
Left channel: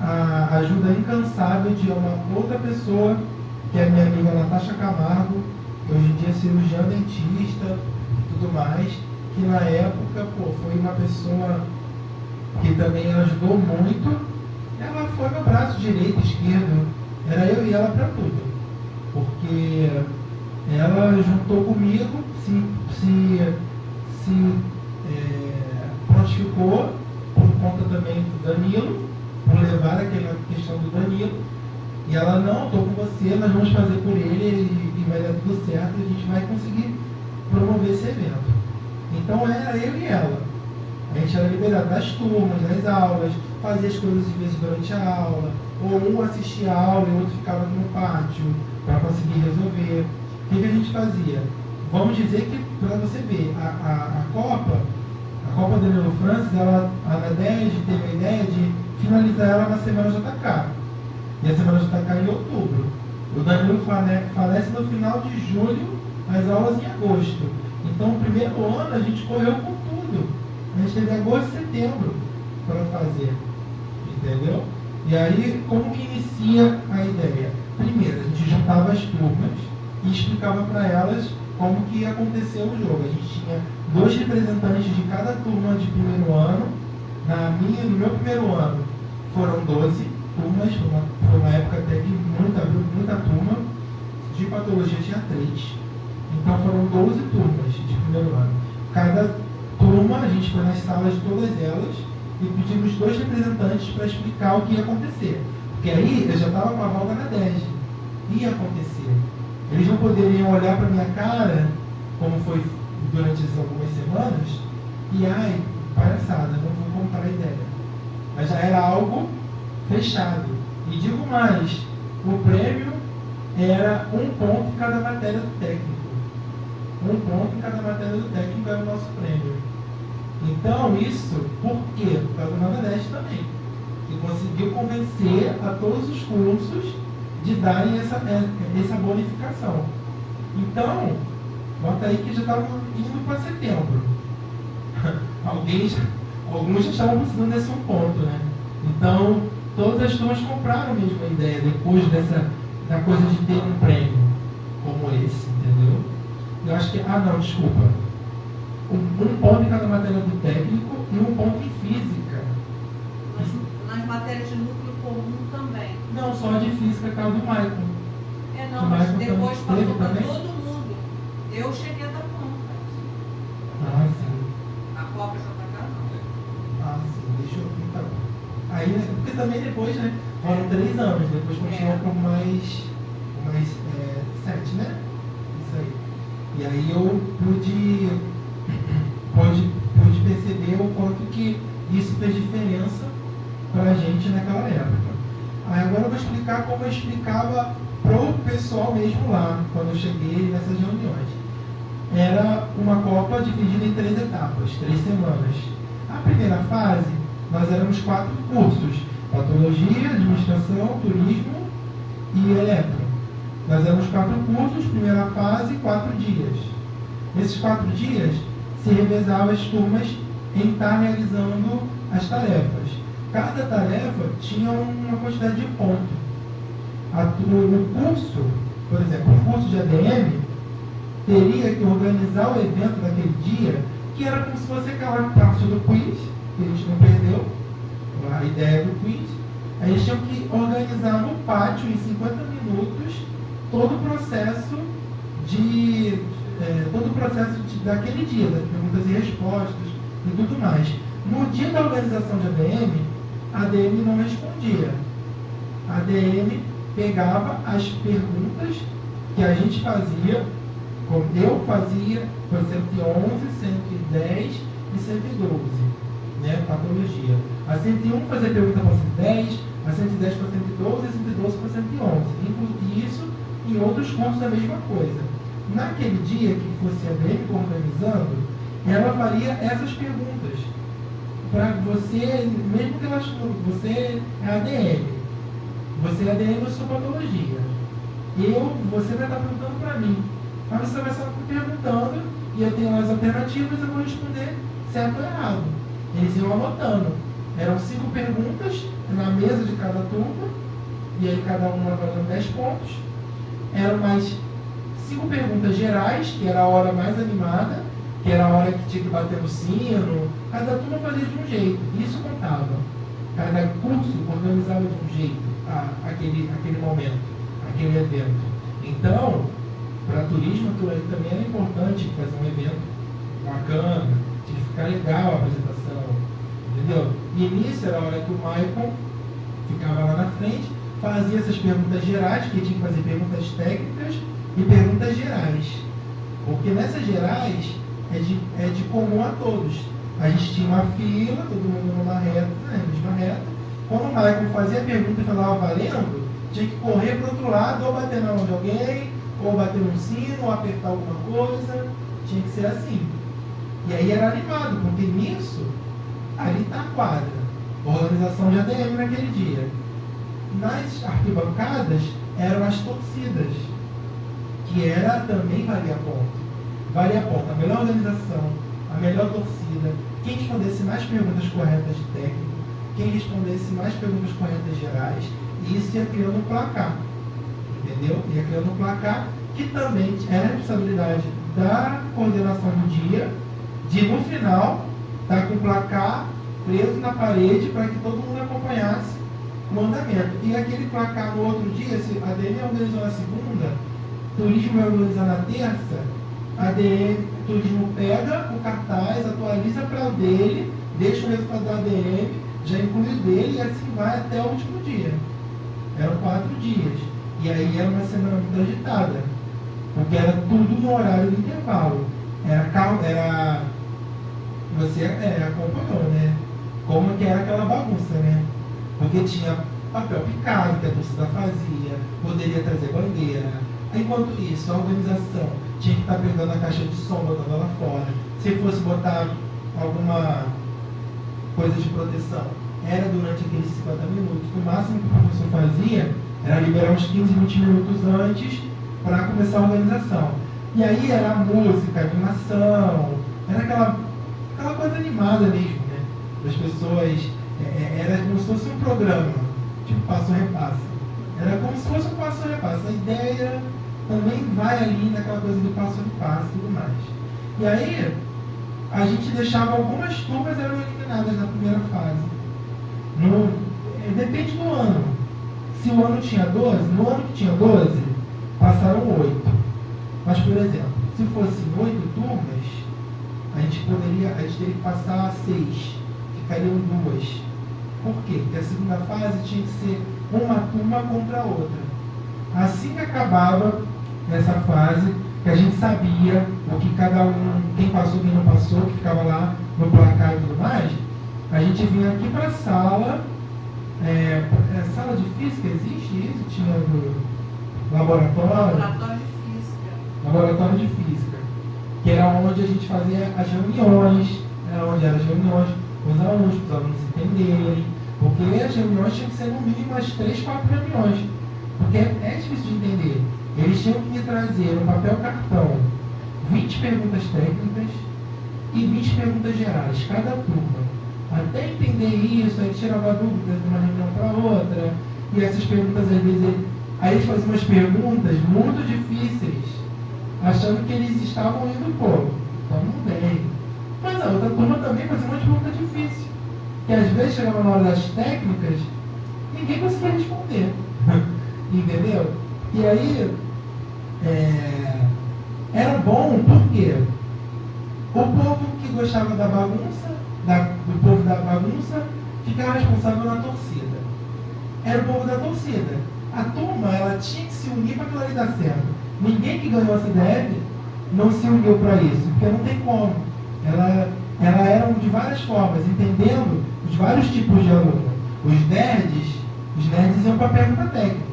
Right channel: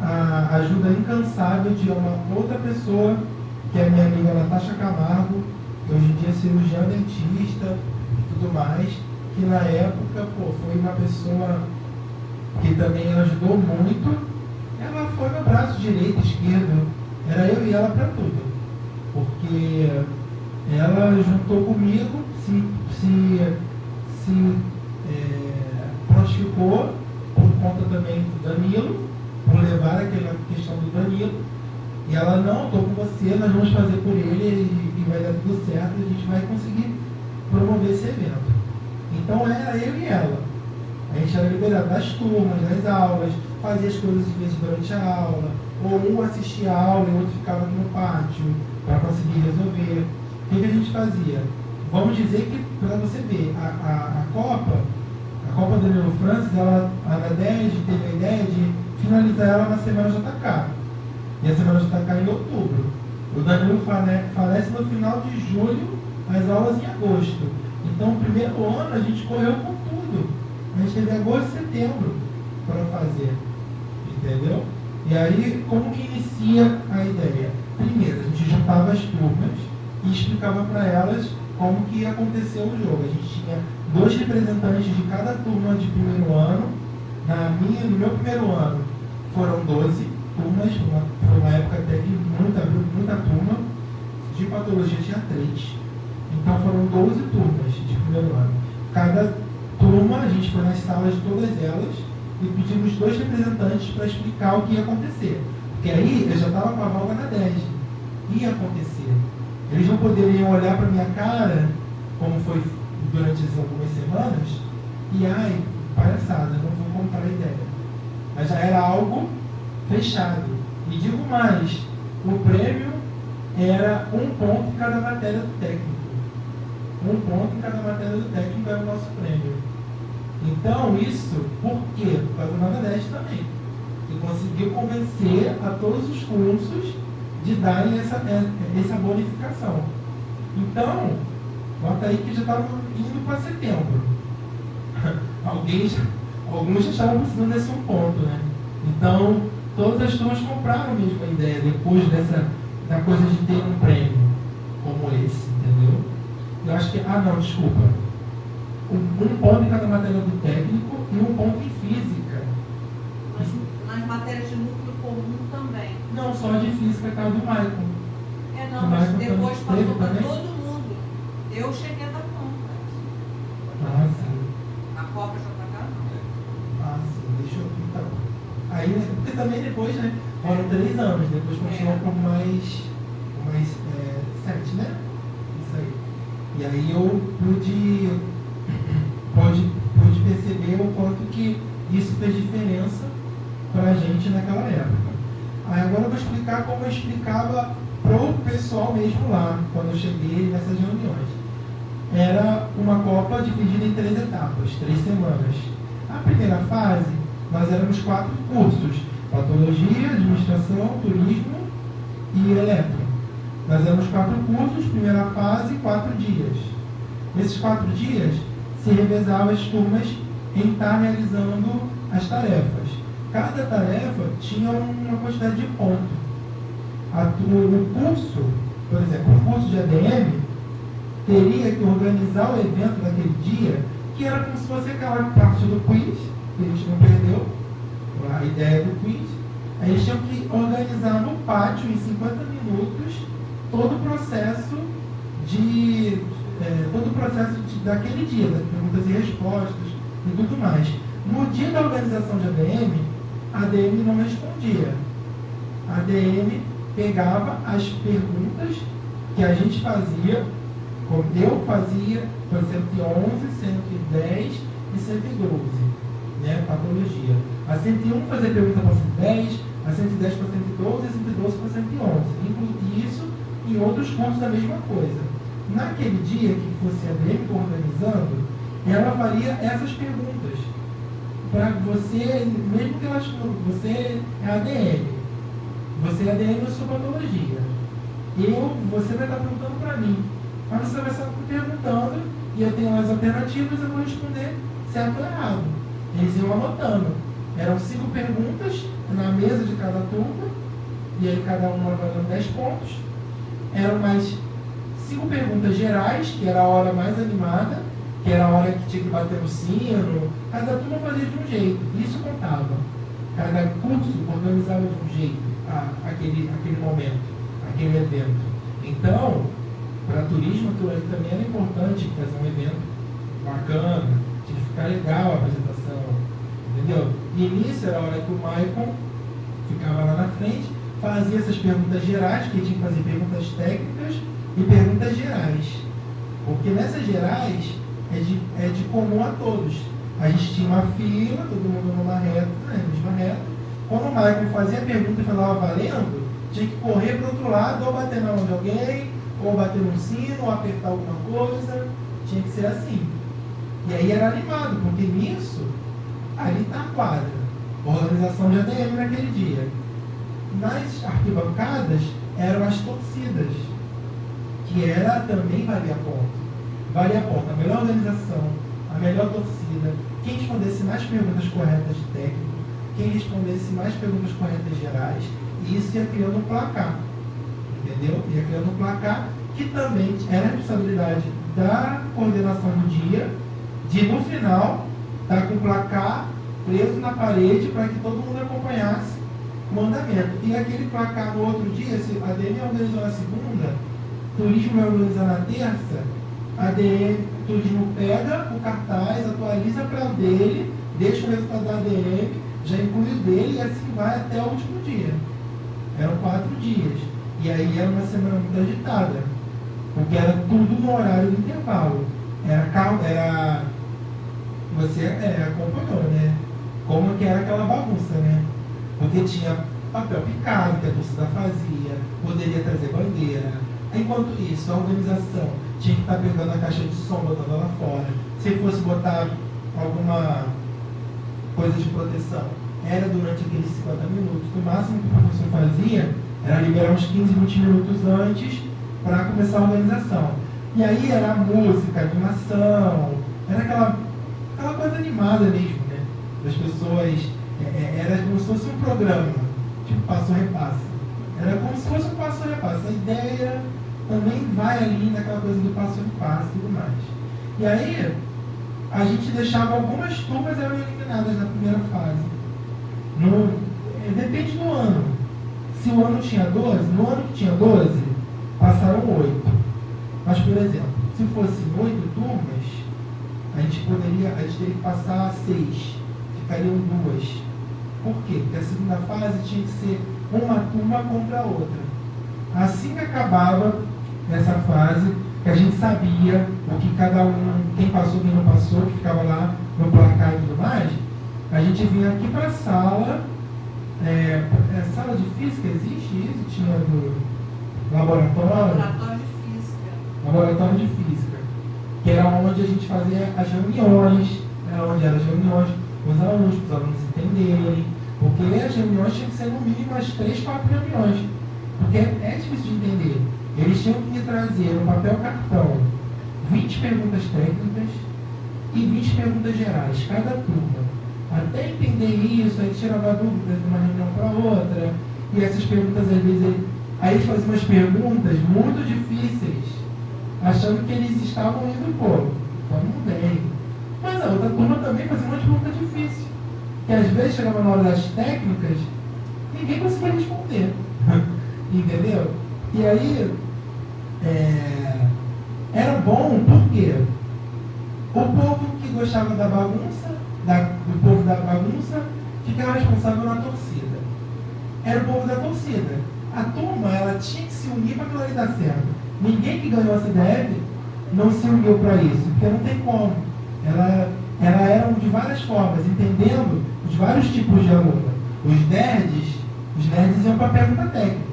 a ajuda incansável de uma outra pessoa, que é a minha amiga Natasha Camargo, que hoje em dia é cirurgiã dentista e tudo mais, que na época, foi uma pessoa que também ajudou muito. Ela foi meu braço direito, esquerdo, era eu e ela para tudo, porque ela juntou comigo, se prontificou por conta também do Danilo, por levar aquela questão do Danilo, e ela, não, estou com você, nós vamos fazer por ele e vai dar tudo certo e a gente vai conseguir promover esse evento. Então era eu e ela. A gente era liberado das turmas, das aulas, fazia as coisas de vez durante a aula, ou um assistia a aula e o outro ficava aqui no pátio para conseguir resolver. O que a gente fazia? Vamos dizer que, para você ver, a Copa Danilo Francis, a Nadege teve a ideia de finalizar ela na Semana JK. E a Semana JK em outubro. O Danilo falece no final de julho, as aulas em agosto. Então, o primeiro ano a gente correu com tudo. A gente teve agosto e setembro para fazer. Entendeu? E aí, como que inicia a ideia? Primeiro, a gente juntava as turmas e explicava para elas como que ia acontecer o jogo. A gente tinha 2 representantes de cada turma de primeiro ano. No meu primeiro ano foram 12 turmas, foi uma época até que muita turma. De patologia tinha 3. Então foram 12 turmas de primeiro ano. Cada turma, a gente foi nas salas de todas elas e pedimos 2 representantes para explicar o que ia acontecer. Porque aí eu já estava com a vaga na 10. Ia acontecer. Eles não poderiam olhar para minha cara, como foi durante essas algumas semanas, e palhaçada, não vou contar a ideia. mas já era algo fechado. E digo mais, o prêmio era 1 ponto em cada matéria do técnico. 1 ponto em cada matéria do técnico era o nosso prêmio. Então, isso, por quê? Por causa da Nordeste também. Que conseguiu convencer a todos os cursos de darem essa bonificação. Então, nota aí que já estavam indo para setembro. Alguns já estavam precisando desse 1 ponto, né? Então, todas as turmas compraram mesmo a ideia, depois da coisa de ter um prêmio como esse, entendeu? Eu acho que, desculpa. 1 ponto em cada matéria do técnico e 1 ponto em física. Mas nas matérias de núcleo comum também. Não, só de física, cara do Maicon. Mas depois passou para todo mundo. Eu cheguei a dar conta. Ah, sim. A cobra já está cá? Ah, sim. Deixa eu... Então. Aí, porque também depois, né? Foram 3 anos. Depois continuou por mais 7, né? Isso aí. E aí eu pude perceber o quanto que isso fez diferença para a gente naquela época. Aí agora eu vou explicar como eu explicava pro pessoal mesmo lá, quando eu cheguei nessas reuniões. Era uma Copa dividida em 3 etapas, 3 semanas. A primeira fase, nós éramos 4 cursos: Patologia, Administração, Turismo e Eletro. Nós éramos 4 cursos, primeira fase, 4 dias. Nesses 4 dias, se revezava as turmas em estar realizando as tarefas. Cada tarefa tinha uma quantidade de pontos. No curso, por exemplo, o curso de ADM, teria que organizar o evento naquele dia, que era como se fosse aquela parte do quiz, que a gente não perdeu, a ideia do quiz. A gente tinha que organizar no pátio, em 50 minutos, todo o processo daquele dia, das perguntas e respostas e tudo mais. No dia da organização de ADM, a ADM não respondia. A ADM pegava as perguntas que a gente fazia, como eu fazia, por 111, 110 e 112, né, patologia. A 101 fazia pergunta para 110, a 110 para 112 e a 112 para 111. Inclusive isso e outros cursos a mesma coisa. Naquele dia que fosse a ADM organizando, ela faria essas perguntas. Para você, mesmo que você é ADM, você é ADM da sua patologia. Você vai estar perguntando para mim. Mas você vai estar me perguntando e eu tenho as alternativas e eu vou responder certo ou errado. Eles iam anotando. Eram 5 perguntas na mesa de cada turma, e aí cada uma valendo 10 pontos. Eram mais 5 perguntas gerais, que era a hora mais animada, que era a hora que tinha que bater no sino. Cada turma fazia de um jeito, isso contava. Cada curso organizava de um jeito aquele momento, aquele evento. Então, para turismo também era importante fazer um evento bacana, tinha que ficar legal a apresentação, entendeu? E nisso era a hora que o Maicon ficava lá na frente, fazia essas perguntas gerais, que tinha que fazer perguntas técnicas e perguntas gerais. Porque nessas gerais é de comum a todos. A gente tinha uma fila, todo mundo numa reta, na mesma reta. Quando o Maicon fazia a pergunta e falava valendo, tinha que correr para o outro lado, ou bater na mão de alguém, ou bater no sino, ou apertar alguma coisa. Tinha que ser assim. E aí era animado, porque nisso, ali está a quadra. Organização de ADM naquele dia. Nas arquibancadas, eram as torcidas, que era também valia ponto. Valia ponto a melhor organização, a melhor torcida, quem respondesse mais perguntas corretas de técnico, quem respondesse mais perguntas corretas gerais, e isso ia criando um placar. Entendeu? Ia criando um placar que também era responsabilidade da coordenação do dia, de no final estar com o placar preso na parede para que todo mundo acompanhasse o andamento. E aquele placar no outro dia, se a ADM organizou na segunda, turismo vai organizar na terça, a ADM, turismo pega o cartaz, atualiza para o dele, deixa o resultado da ADM, já inclui o dele e assim vai até o último dia. Eram 4 dias. E aí era uma semana muito agitada, porque era tudo no horário do intervalo. Você acompanhou, né? como que era aquela bagunça, né? Porque tinha papel picado que a torcida fazia, poderia trazer bandeira. Enquanto isso, a organização tinha que estar pegando a caixa de som, botando lá fora. Se fosse botar alguma coisa de proteção, era durante aqueles 50 minutos. O máximo que o professor fazia era liberar uns 15, 20 minutos antes para começar a organização. E aí era música, animação, era aquela coisa animada mesmo, né? Das pessoas, era como se fosse um programa, tipo passo-repasse. Era como se fosse um passo-repasse. A ideia também vai ali naquela coisa do passo-repasse e tudo mais. E aí, a gente deixava algumas turmas eliminadas na primeira fase. Depende do ano. Se o ano tinha 12, no ano que tinha 12, passaram 8. Mas, por exemplo, se fossem 8 turmas, a gente teria que passar 6. Ficariam 2. Por quê? Porque a segunda fase tinha que ser uma turma contra a outra. Assim que acabava essa fase, que a gente sabia o que cada um, quem passou, quem não passou, que ficava lá no placar e tudo mais, a gente vinha aqui para a sala, sala de física, existe isso? Tinha do laboratório? Laboratório de física. Que era onde a gente fazia as reuniões, os alunos entenderem, porque as reuniões tinham que ser no mínimo umas 3, 4 reuniões, porque é difícil de entender. Eles tinham que trazer no papel cartão 20 perguntas técnicas e 20 perguntas gerais, cada turma. Até entender isso, aí tirava dúvidas de uma reunião para outra, e essas perguntas às vezes, aí eles faziam umas perguntas muito difíceis, achando que eles estavam indo pouco, estavam bem. Mas a outra turma também fazia uma pergunta difícil, que às vezes chegava na hora das técnicas, ninguém conseguia responder. Entendeu? E aí, era bom porque o povo que gostava da bagunça, do povo da bagunça, ficava responsável na torcida. Era o povo da torcida. A turma, ela tinha que se unir para aquilo ali dar certo. Ninguém que ganhou a CDF não se uniu para isso, porque não tem como. Ela era de várias formas, entendendo os vários tipos de aluno. Os nerds iam para a pergunta técnica.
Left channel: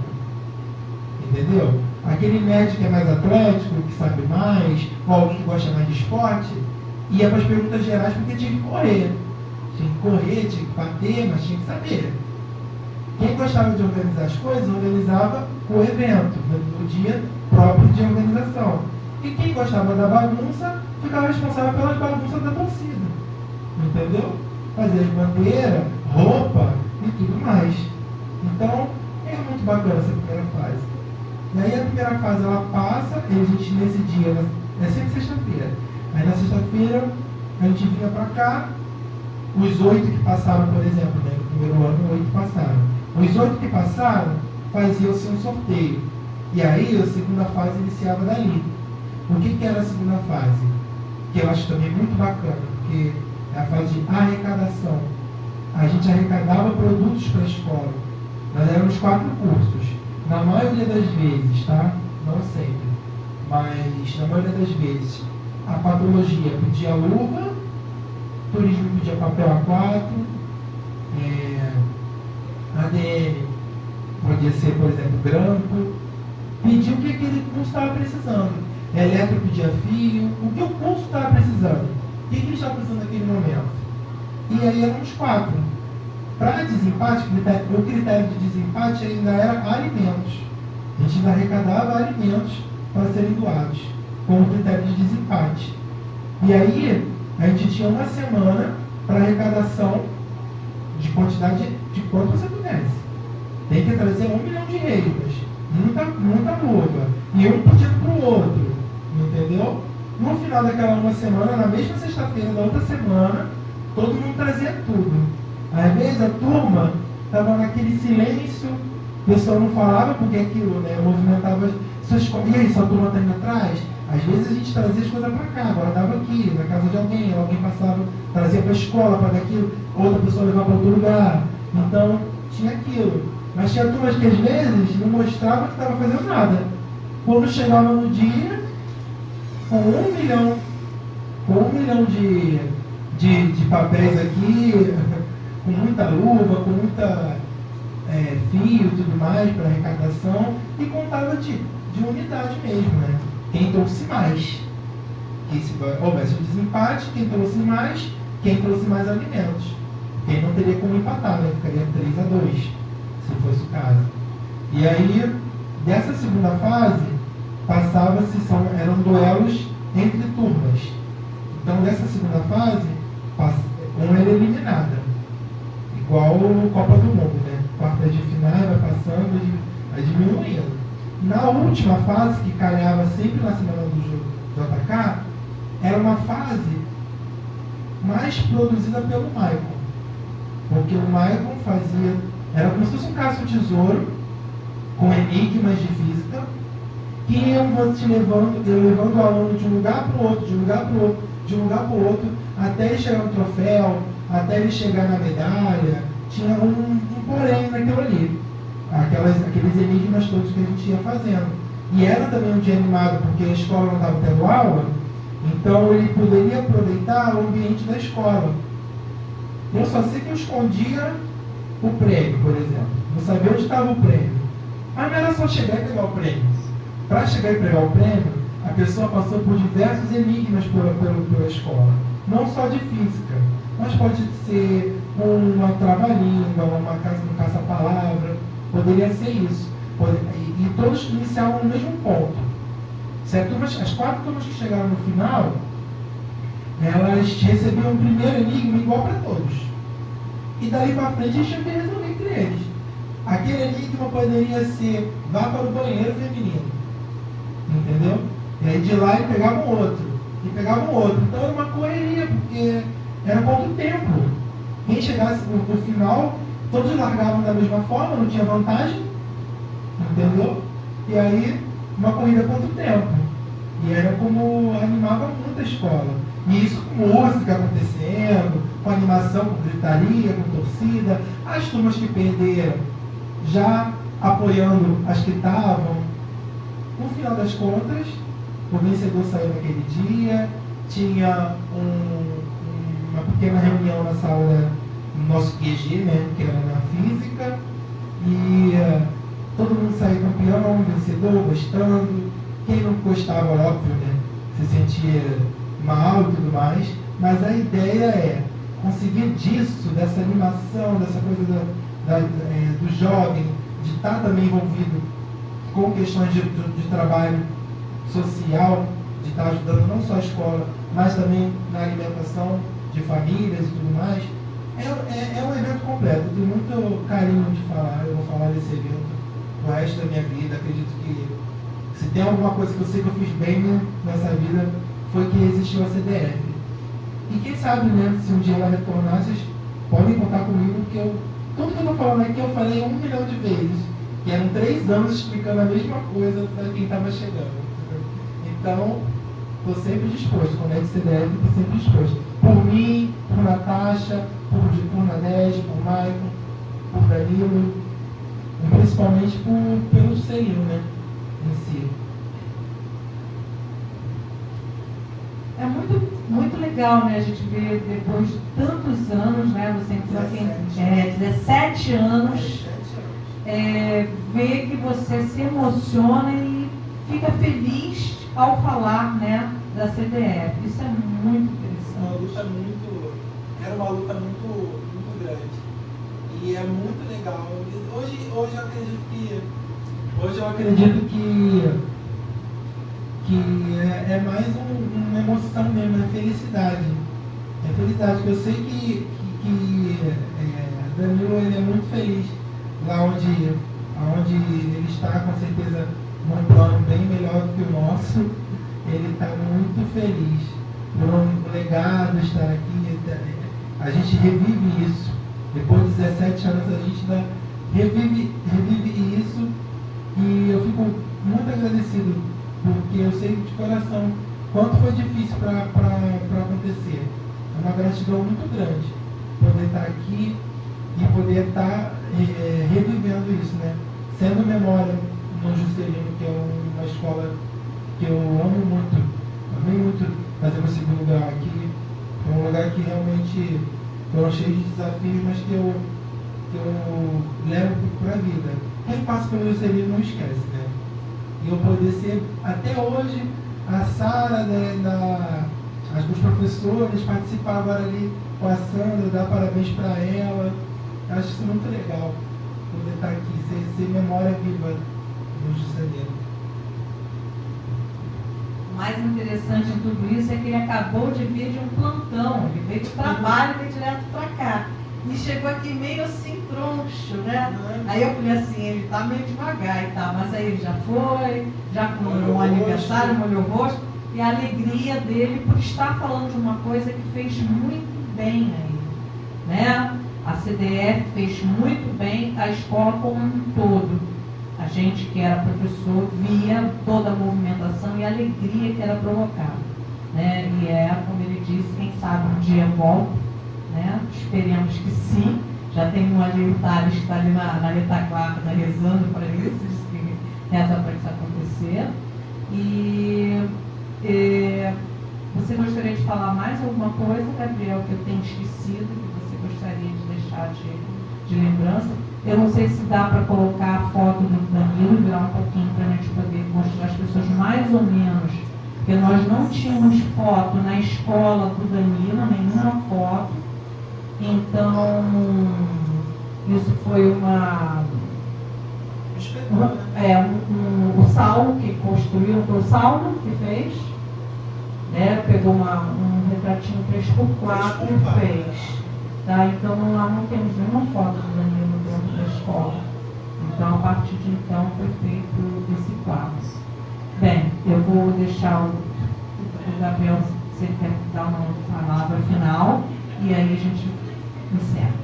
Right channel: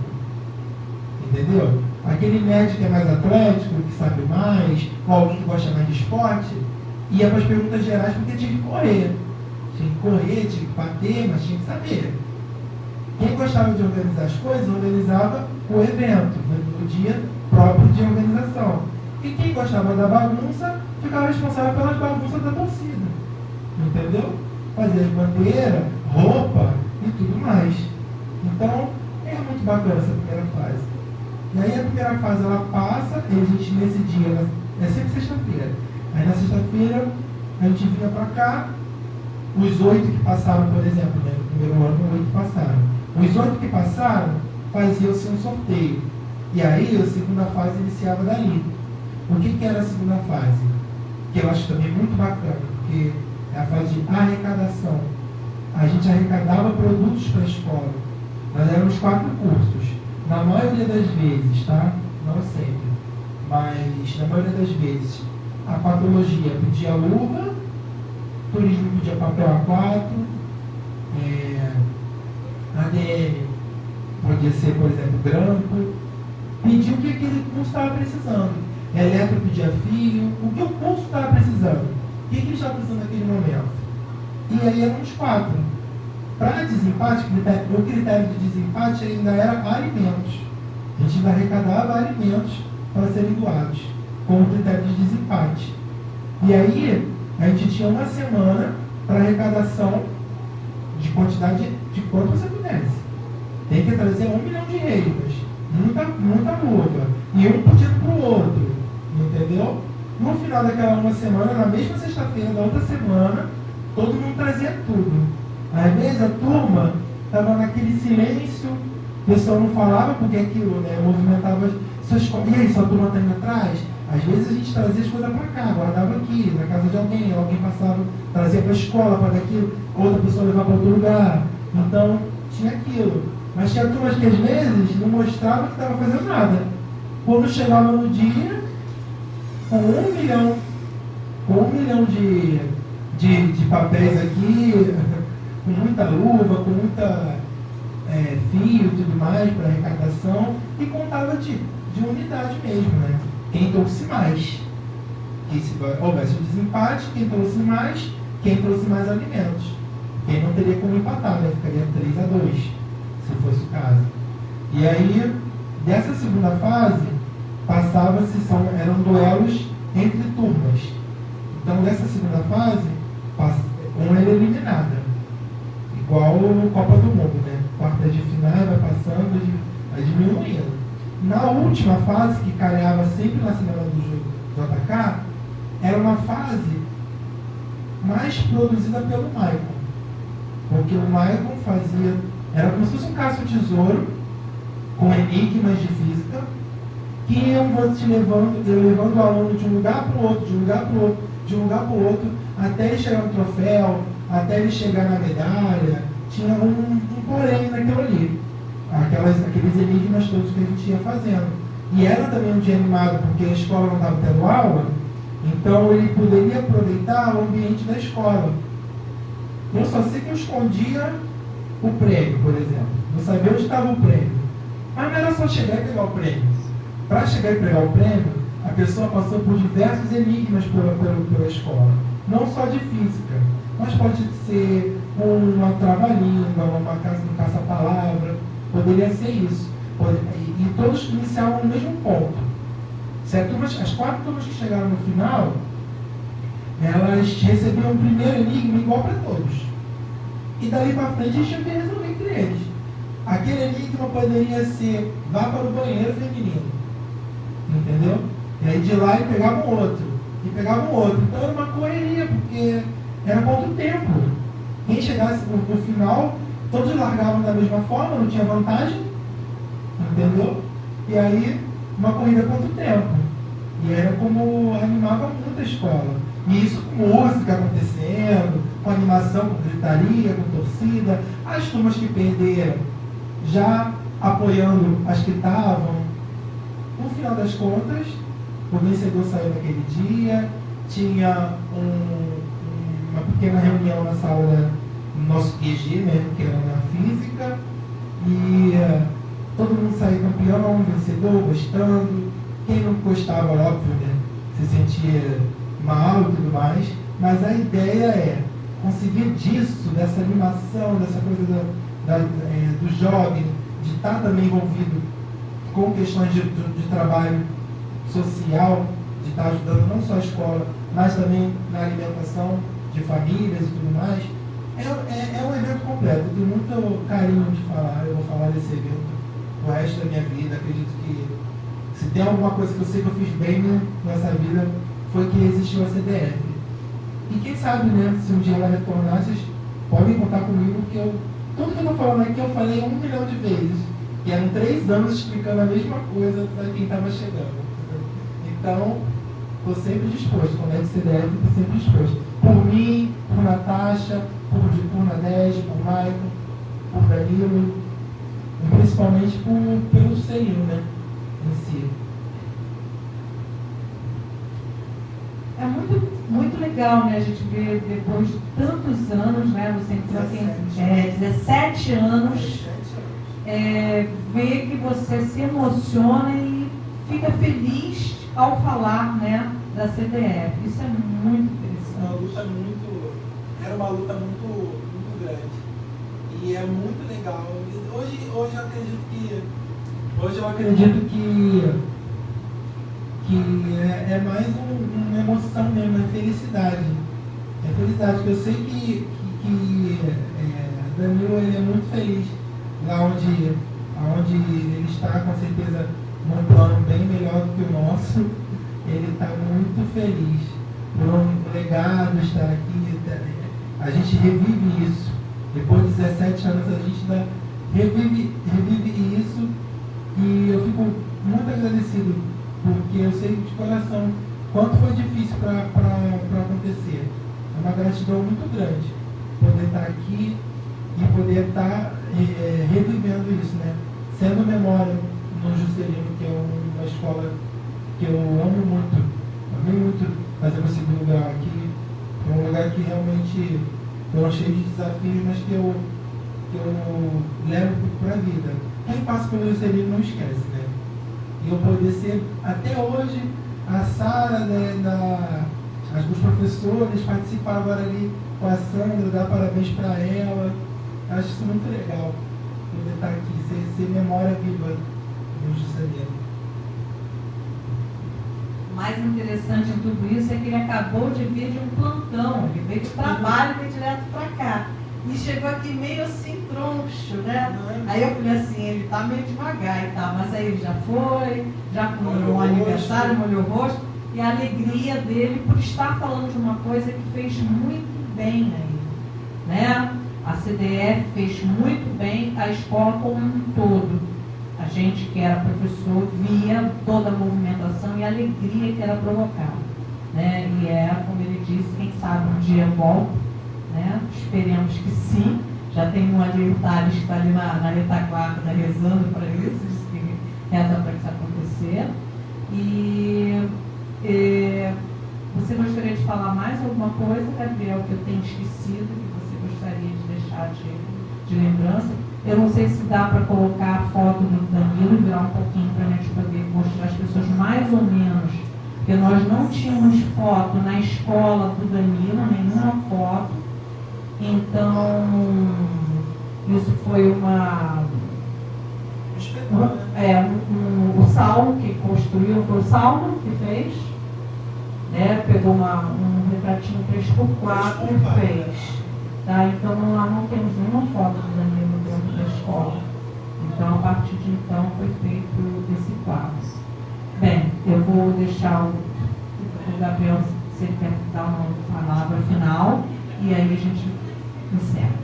Entendeu? Aquele nerd que é mais atlético, que sabe mais, ou alguém que gosta mais de esporte, ia para as perguntas gerais porque tinha que correr. Tinha que correr, tinha que bater, mas tinha que saber. Quem gostava de organizar as coisas, organizava o evento, no dia próprio de organização. E quem gostava da bagunça, ficava responsável pelas bagunças da torcida. Entendeu? Fazer bandeira, roupa e tudo mais. Então, é muito bacana essa primeira fase. E aí a primeira fase ela passa, e a gente nesse dia, é sempre sexta-feira. Aí na sexta-feira a gente vinha para cá, os 8 que passaram, por exemplo, né, no primeiro ano, 8 passaram. Os 8 que passaram, fazia-se um sorteio. E aí a segunda fase iniciava daí. O que era a segunda fase? Que eu acho também muito bacana, porque é a fase de arrecadação. A gente arrecadava produtos para a escola. Nós éramos 4 cursos. Na maioria das vezes, tá? Não sempre, mas na maioria das vezes, a patologia pedia luva, turismo pedia papel A4, ADN podia ser, por exemplo, grampo, pedia o que aquele curso estava precisando. Eletro pedia fio, o que o curso estava precisando. O que ele estava precisando naquele momento? E aí eram os 4. Para desempate, o critério de desempate ainda era alimentos. A gente ainda arrecadava alimentos para serem doados, como critério de desempate. E aí, a gente tinha uma semana para arrecadação de quantidade de quanto você pudesse. Tem que trazer 1 milhão de reais, muita luva, e um pedido para o outro, entendeu? No final daquela uma semana, na mesma sexta-feira da outra semana, todo mundo trazia tudo. Às vezes a turma estava naquele silêncio, o pessoal não falava porque aquilo, né, movimentava essas coisas. E aí, sua turma está indo atrás? Às vezes a gente trazia as coisas para cá, guardava aqui, na casa de alguém passava, trazia para a escola, para aquilo, outra pessoa levava para outro lugar. Então, tinha aquilo. Mas tinha turmas que às vezes não mostravam que estava fazendo nada. Quando chegava no dia, com 1 milhão de papéis aqui, com muita luva, com muita fio e tudo mais para arrecadação, e contava de unidade mesmo, né? Quem trouxe mais. Se houvesse um desempate, quem trouxe mais, quem trouxe mais alimentos. Quem não teria como empatar, né? Ficaria 3-2, se fosse o caso. E aí, dessa segunda fase, eram duelos entre turmas. Então, dessa segunda fase, uma era eliminada. Igual no Copa do Mundo, né? Quarta de final, vai passando, vai diminuindo. Na última fase, que calhava sempre na semana do JK, era uma fase mais produzida pelo Maicon. Porque o Maicon era como se fosse um caça-tesouro, com enigmas de física, que iam levando o aluno de um lugar para o outro, de um lugar para o outro, de um lugar para o outro, até ele chegar no troféu, até ele chegar na medalha. Tinha um porém naquilo ali. Aqueles enigmas todos que a gente ia fazendo. E era também um dia animado, porque a escola não estava tendo aula, então ele poderia aproveitar o ambiente da escola. Eu só sei que eu escondia o prêmio, por exemplo. Não sabia onde estava o prêmio. Mas não era só chegar e pegar o prêmio. Para chegar e pegar o prêmio, a pessoa passou por diversos enigmas pela escola. Não só de física, mas pode ser uma trava-língua, um caça-palavra. Poderia ser isso. E todos iniciavam no mesmo ponto. As 4 turmas que chegaram no final, elas recebiam o primeiro enigma igual para todos. E daí para frente a gente tinha que resolver entre eles. Aquele enigma poderia ser: vá para o banheiro feminino. Entendeu? E aí de lá ele pegava um outro. E pegava um outro. Então era uma correria, porque era pouco tempo. Quem chegasse no final, todos largavam da mesma forma, não tinha vantagem. Entendeu? E aí, uma corrida contra o tempo. E era como animava muito a escola. E isso com música acontecendo, com animação, com gritaria, com torcida. As turmas que perderam, já apoiando as que estavam. No final das contas, o vencedor saiu naquele dia, tinha uma pequena reunião na sala do nosso QG, né, que era na física, e todo mundo saiu campeão, vencedor, gostando. Quem não gostava, óbvio, né, se sentia mal e tudo mais, mas a ideia é conseguir disso, dessa animação, dessa coisa do jovem, de estar também envolvido com questões de trabalho social, de estar ajudando não só a escola, mas também na alimentação de famílias e tudo mais. É um evento completo. Eu tenho muito carinho de falar. Eu vou falar desse evento o resto da minha vida. Acredito que se tem alguma coisa que eu sei que eu fiz bem nessa vida, foi que existiu a CDF. E quem sabe, né, se um dia ela retornar, vocês podem contar comigo, que tudo que eu estou falando aqui eu falei 1 milhão de vezes. E eram 3 anos explicando a mesma coisa para quem estava chegando. Então, estou sempre disposto. Quando é de CDF, estou sempre disposto. Por mim, por Natasha, por Nadege, por Maicon, por Danilo, e principalmente pelo Celino, né, em si. É muito legal, né, a gente ver depois de tantos anos, né, você entrou tem 17 anos, ver que você se emociona e fica feliz ao falar, né, da CDF. Isso é muito interessante. Era uma luta muito grande. E é muito legal. Hoje eu acredito que é mais uma emoção mesmo, é felicidade. É felicidade, porque eu sei que Danilo ele é muito feliz lá onde ele está, com certeza, num plano bem melhor do que o nosso. Ele está muito feliz por um legado estar aqui. A gente revive isso. Depois de 17 anos a gente ainda revive isso, e eu fico muito agradecido, porque eu sei de coração quanto foi difícil para acontecer. É uma gratidão muito grande poder estar aqui e poder estar revivendo isso, né? Sendo memória no Juscelino, que é uma escola que eu amo muito. Amei muito fazer meu segundo grau aqui. É um lugar que realmente foram cheios de desafios, mas que eu levo para a vida. Quem passa pelo Juscelino não esquece, né? E eu poder ser, até hoje, a Sara, as duas professoras, participar agora ali com a Sandra, dar parabéns para ela. Acho isso muito legal, poder estar aqui, ser memória viva do Juscelino. O mais interessante em tudo isso é que ele acabou de vir de um plantão, ele veio do trabalho e veio direto para cá. E chegou aqui meio assim, troncho, né? Aí eu falei assim, ele tá meio devagar e tal, mas aí ele já foi, já comemorou um aniversário, molhou o rosto, e a alegria dele por estar falando de uma coisa que fez muito bem a ele, né? A CDF fez muito bem a escola como um todo. A gente que era professor via toda a movimentação e a alegria que era provocada, né? E como ele disse, quem sabe um dia volta, né? Esperemos que sim. Já tem um ali, o Thales, que está ali na retaguarda, está rezando para isso, diz que reza para isso acontecer. Você gostaria de falar mais alguma coisa, Gabriel, que eu tenho esquecido, que você gostaria de deixar de lembrança? Eu não sei se dá para colocar a foto do Danilo e virar um pouquinho para a gente poder mostrar às pessoas mais ou menos, porque nós não tínhamos foto na escola do Danilo, nenhuma foto. Então, isso foi o Salmo que construiu, foi o Salmo que fez, né? Pegou um retratinho 3x4 e fez. Tá? Então, nós não temos nenhuma foto do Danilo dentro da escola. Então, a partir de então, foi feito esse quadro. Bem, eu vou deixar o Gabriel, se ele quer dar uma palavra final, e aí a gente encerra.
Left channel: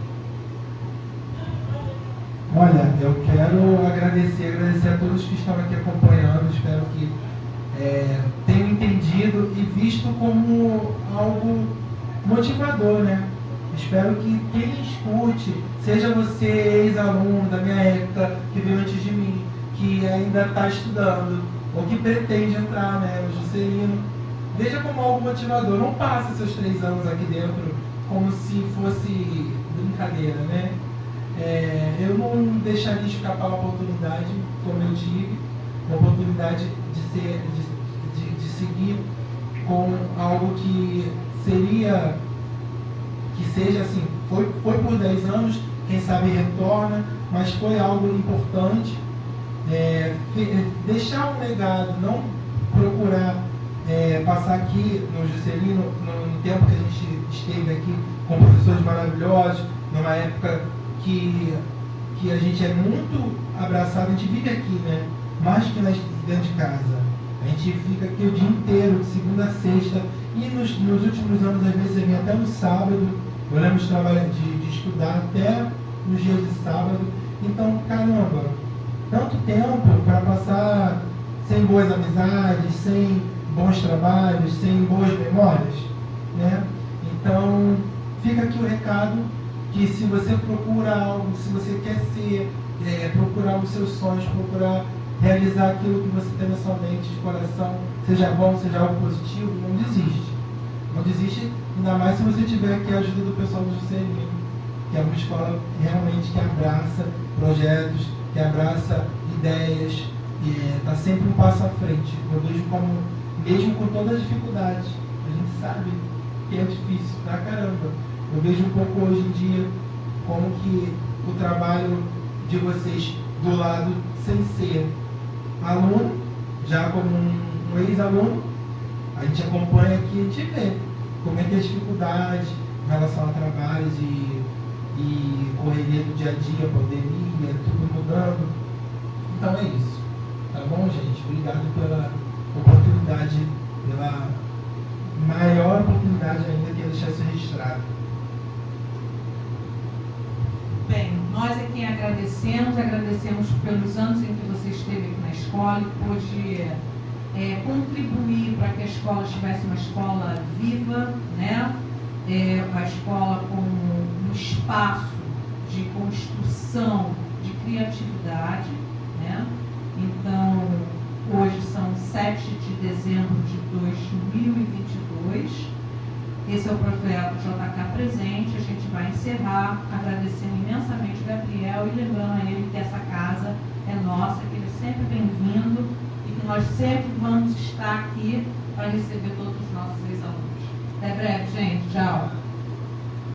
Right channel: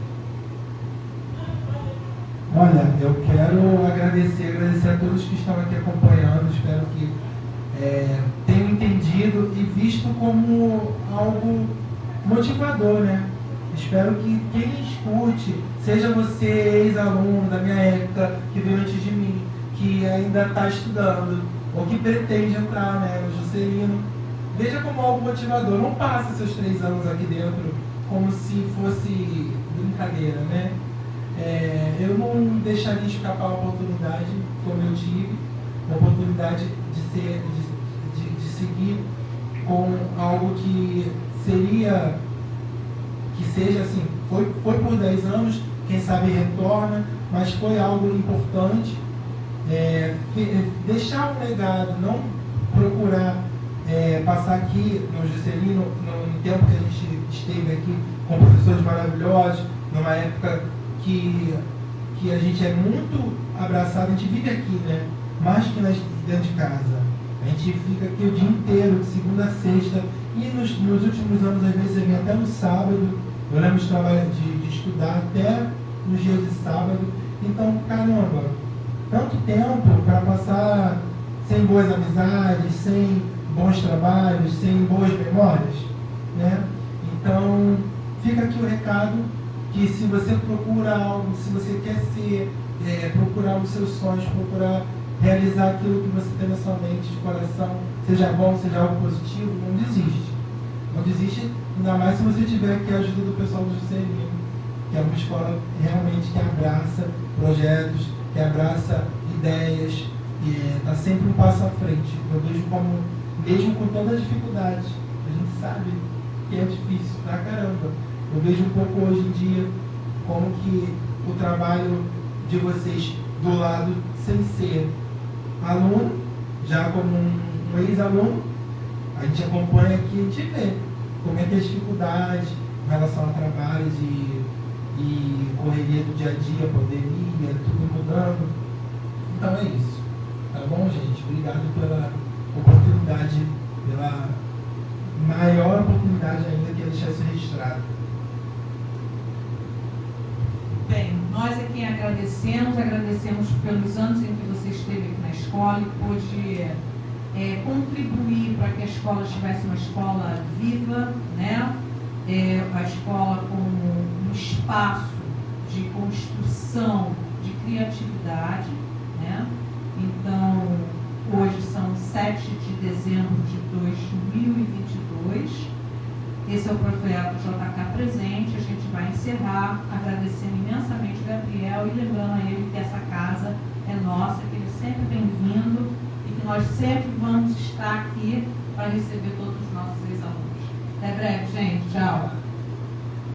Olha, eu quero agradecer a todos que estão aqui acompanhando. Espero que tenham entendido e visto como algo motivador, né? Espero que quem escute, seja você ex-aluno da minha época, que veio antes de mim, que ainda está estudando, ou que pretende entrar, né, no Juscelino, veja como algo motivador. Não passe seus 3 anos aqui dentro como se fosse brincadeira, né? Eu não deixaria escapar a oportunidade, como eu tive, a oportunidade de seguir com algo que seja assim, foi por 10 anos, quem sabe retorna, mas foi algo importante. Deixar um legado, não procurar passar aqui no Juscelino, no tempo que a gente esteve aqui com professores maravilhosos, numa época que a gente é muito abraçado, a gente vive aqui, né? Mais que dentro de casa. A gente fica aqui o dia inteiro, de segunda a sexta, e nos últimos anos, às vezes, eu vim até no sábado. Eu lembro de estudar até nos dias de sábado. Então, caramba, tanto tempo para passar sem boas amizades, sem bons trabalhos, sem boas memórias, né? Então, fica aqui o recado que se você procura algo, se você quer procurar os seus sonhos, procurar realizar aquilo que você tem na sua mente, de coração, seja bom, seja algo positivo, não desiste. Não desiste, ainda mais se você tiver aqui a ajuda do pessoal do Juscelino, que é uma escola realmente que abraça projetos, que abraça ideias, e está sempre um passo à frente. Eu vejo como, mesmo com todas as dificuldades, a gente sabe que é difícil pra caramba. Eu vejo um pouco hoje em dia como que o trabalho de vocês do lado, sem ser aluno, já como um ex-aluno, a gente acompanha aqui e a gente vê como é que as dificuldades em relação a trabalhos e correria do dia a dia, pandemia, tudo mudando. Então é isso. Tá bom, gente? Obrigado pela oportunidade, pela maior oportunidade ainda que é deixar isso registrado. Bem, nós aqui agradecemos pelos anos em que você esteve aqui na escola e pôde contribuir para que a escola tivesse uma escola viva, né? A escola como um espaço de construção, de criatividade, né? Então, hoje são 7 de dezembro de 2022 Esse é o projeto JK Presente. A gente vai encerrar agradecendo imensamente o Gabriel e lembrando a ele que essa casa é nossa, que ele é sempre bem-vindo e que nós sempre vamos estar aqui para receber todos os nossos ex-alunos. Até breve, gente. Tchau.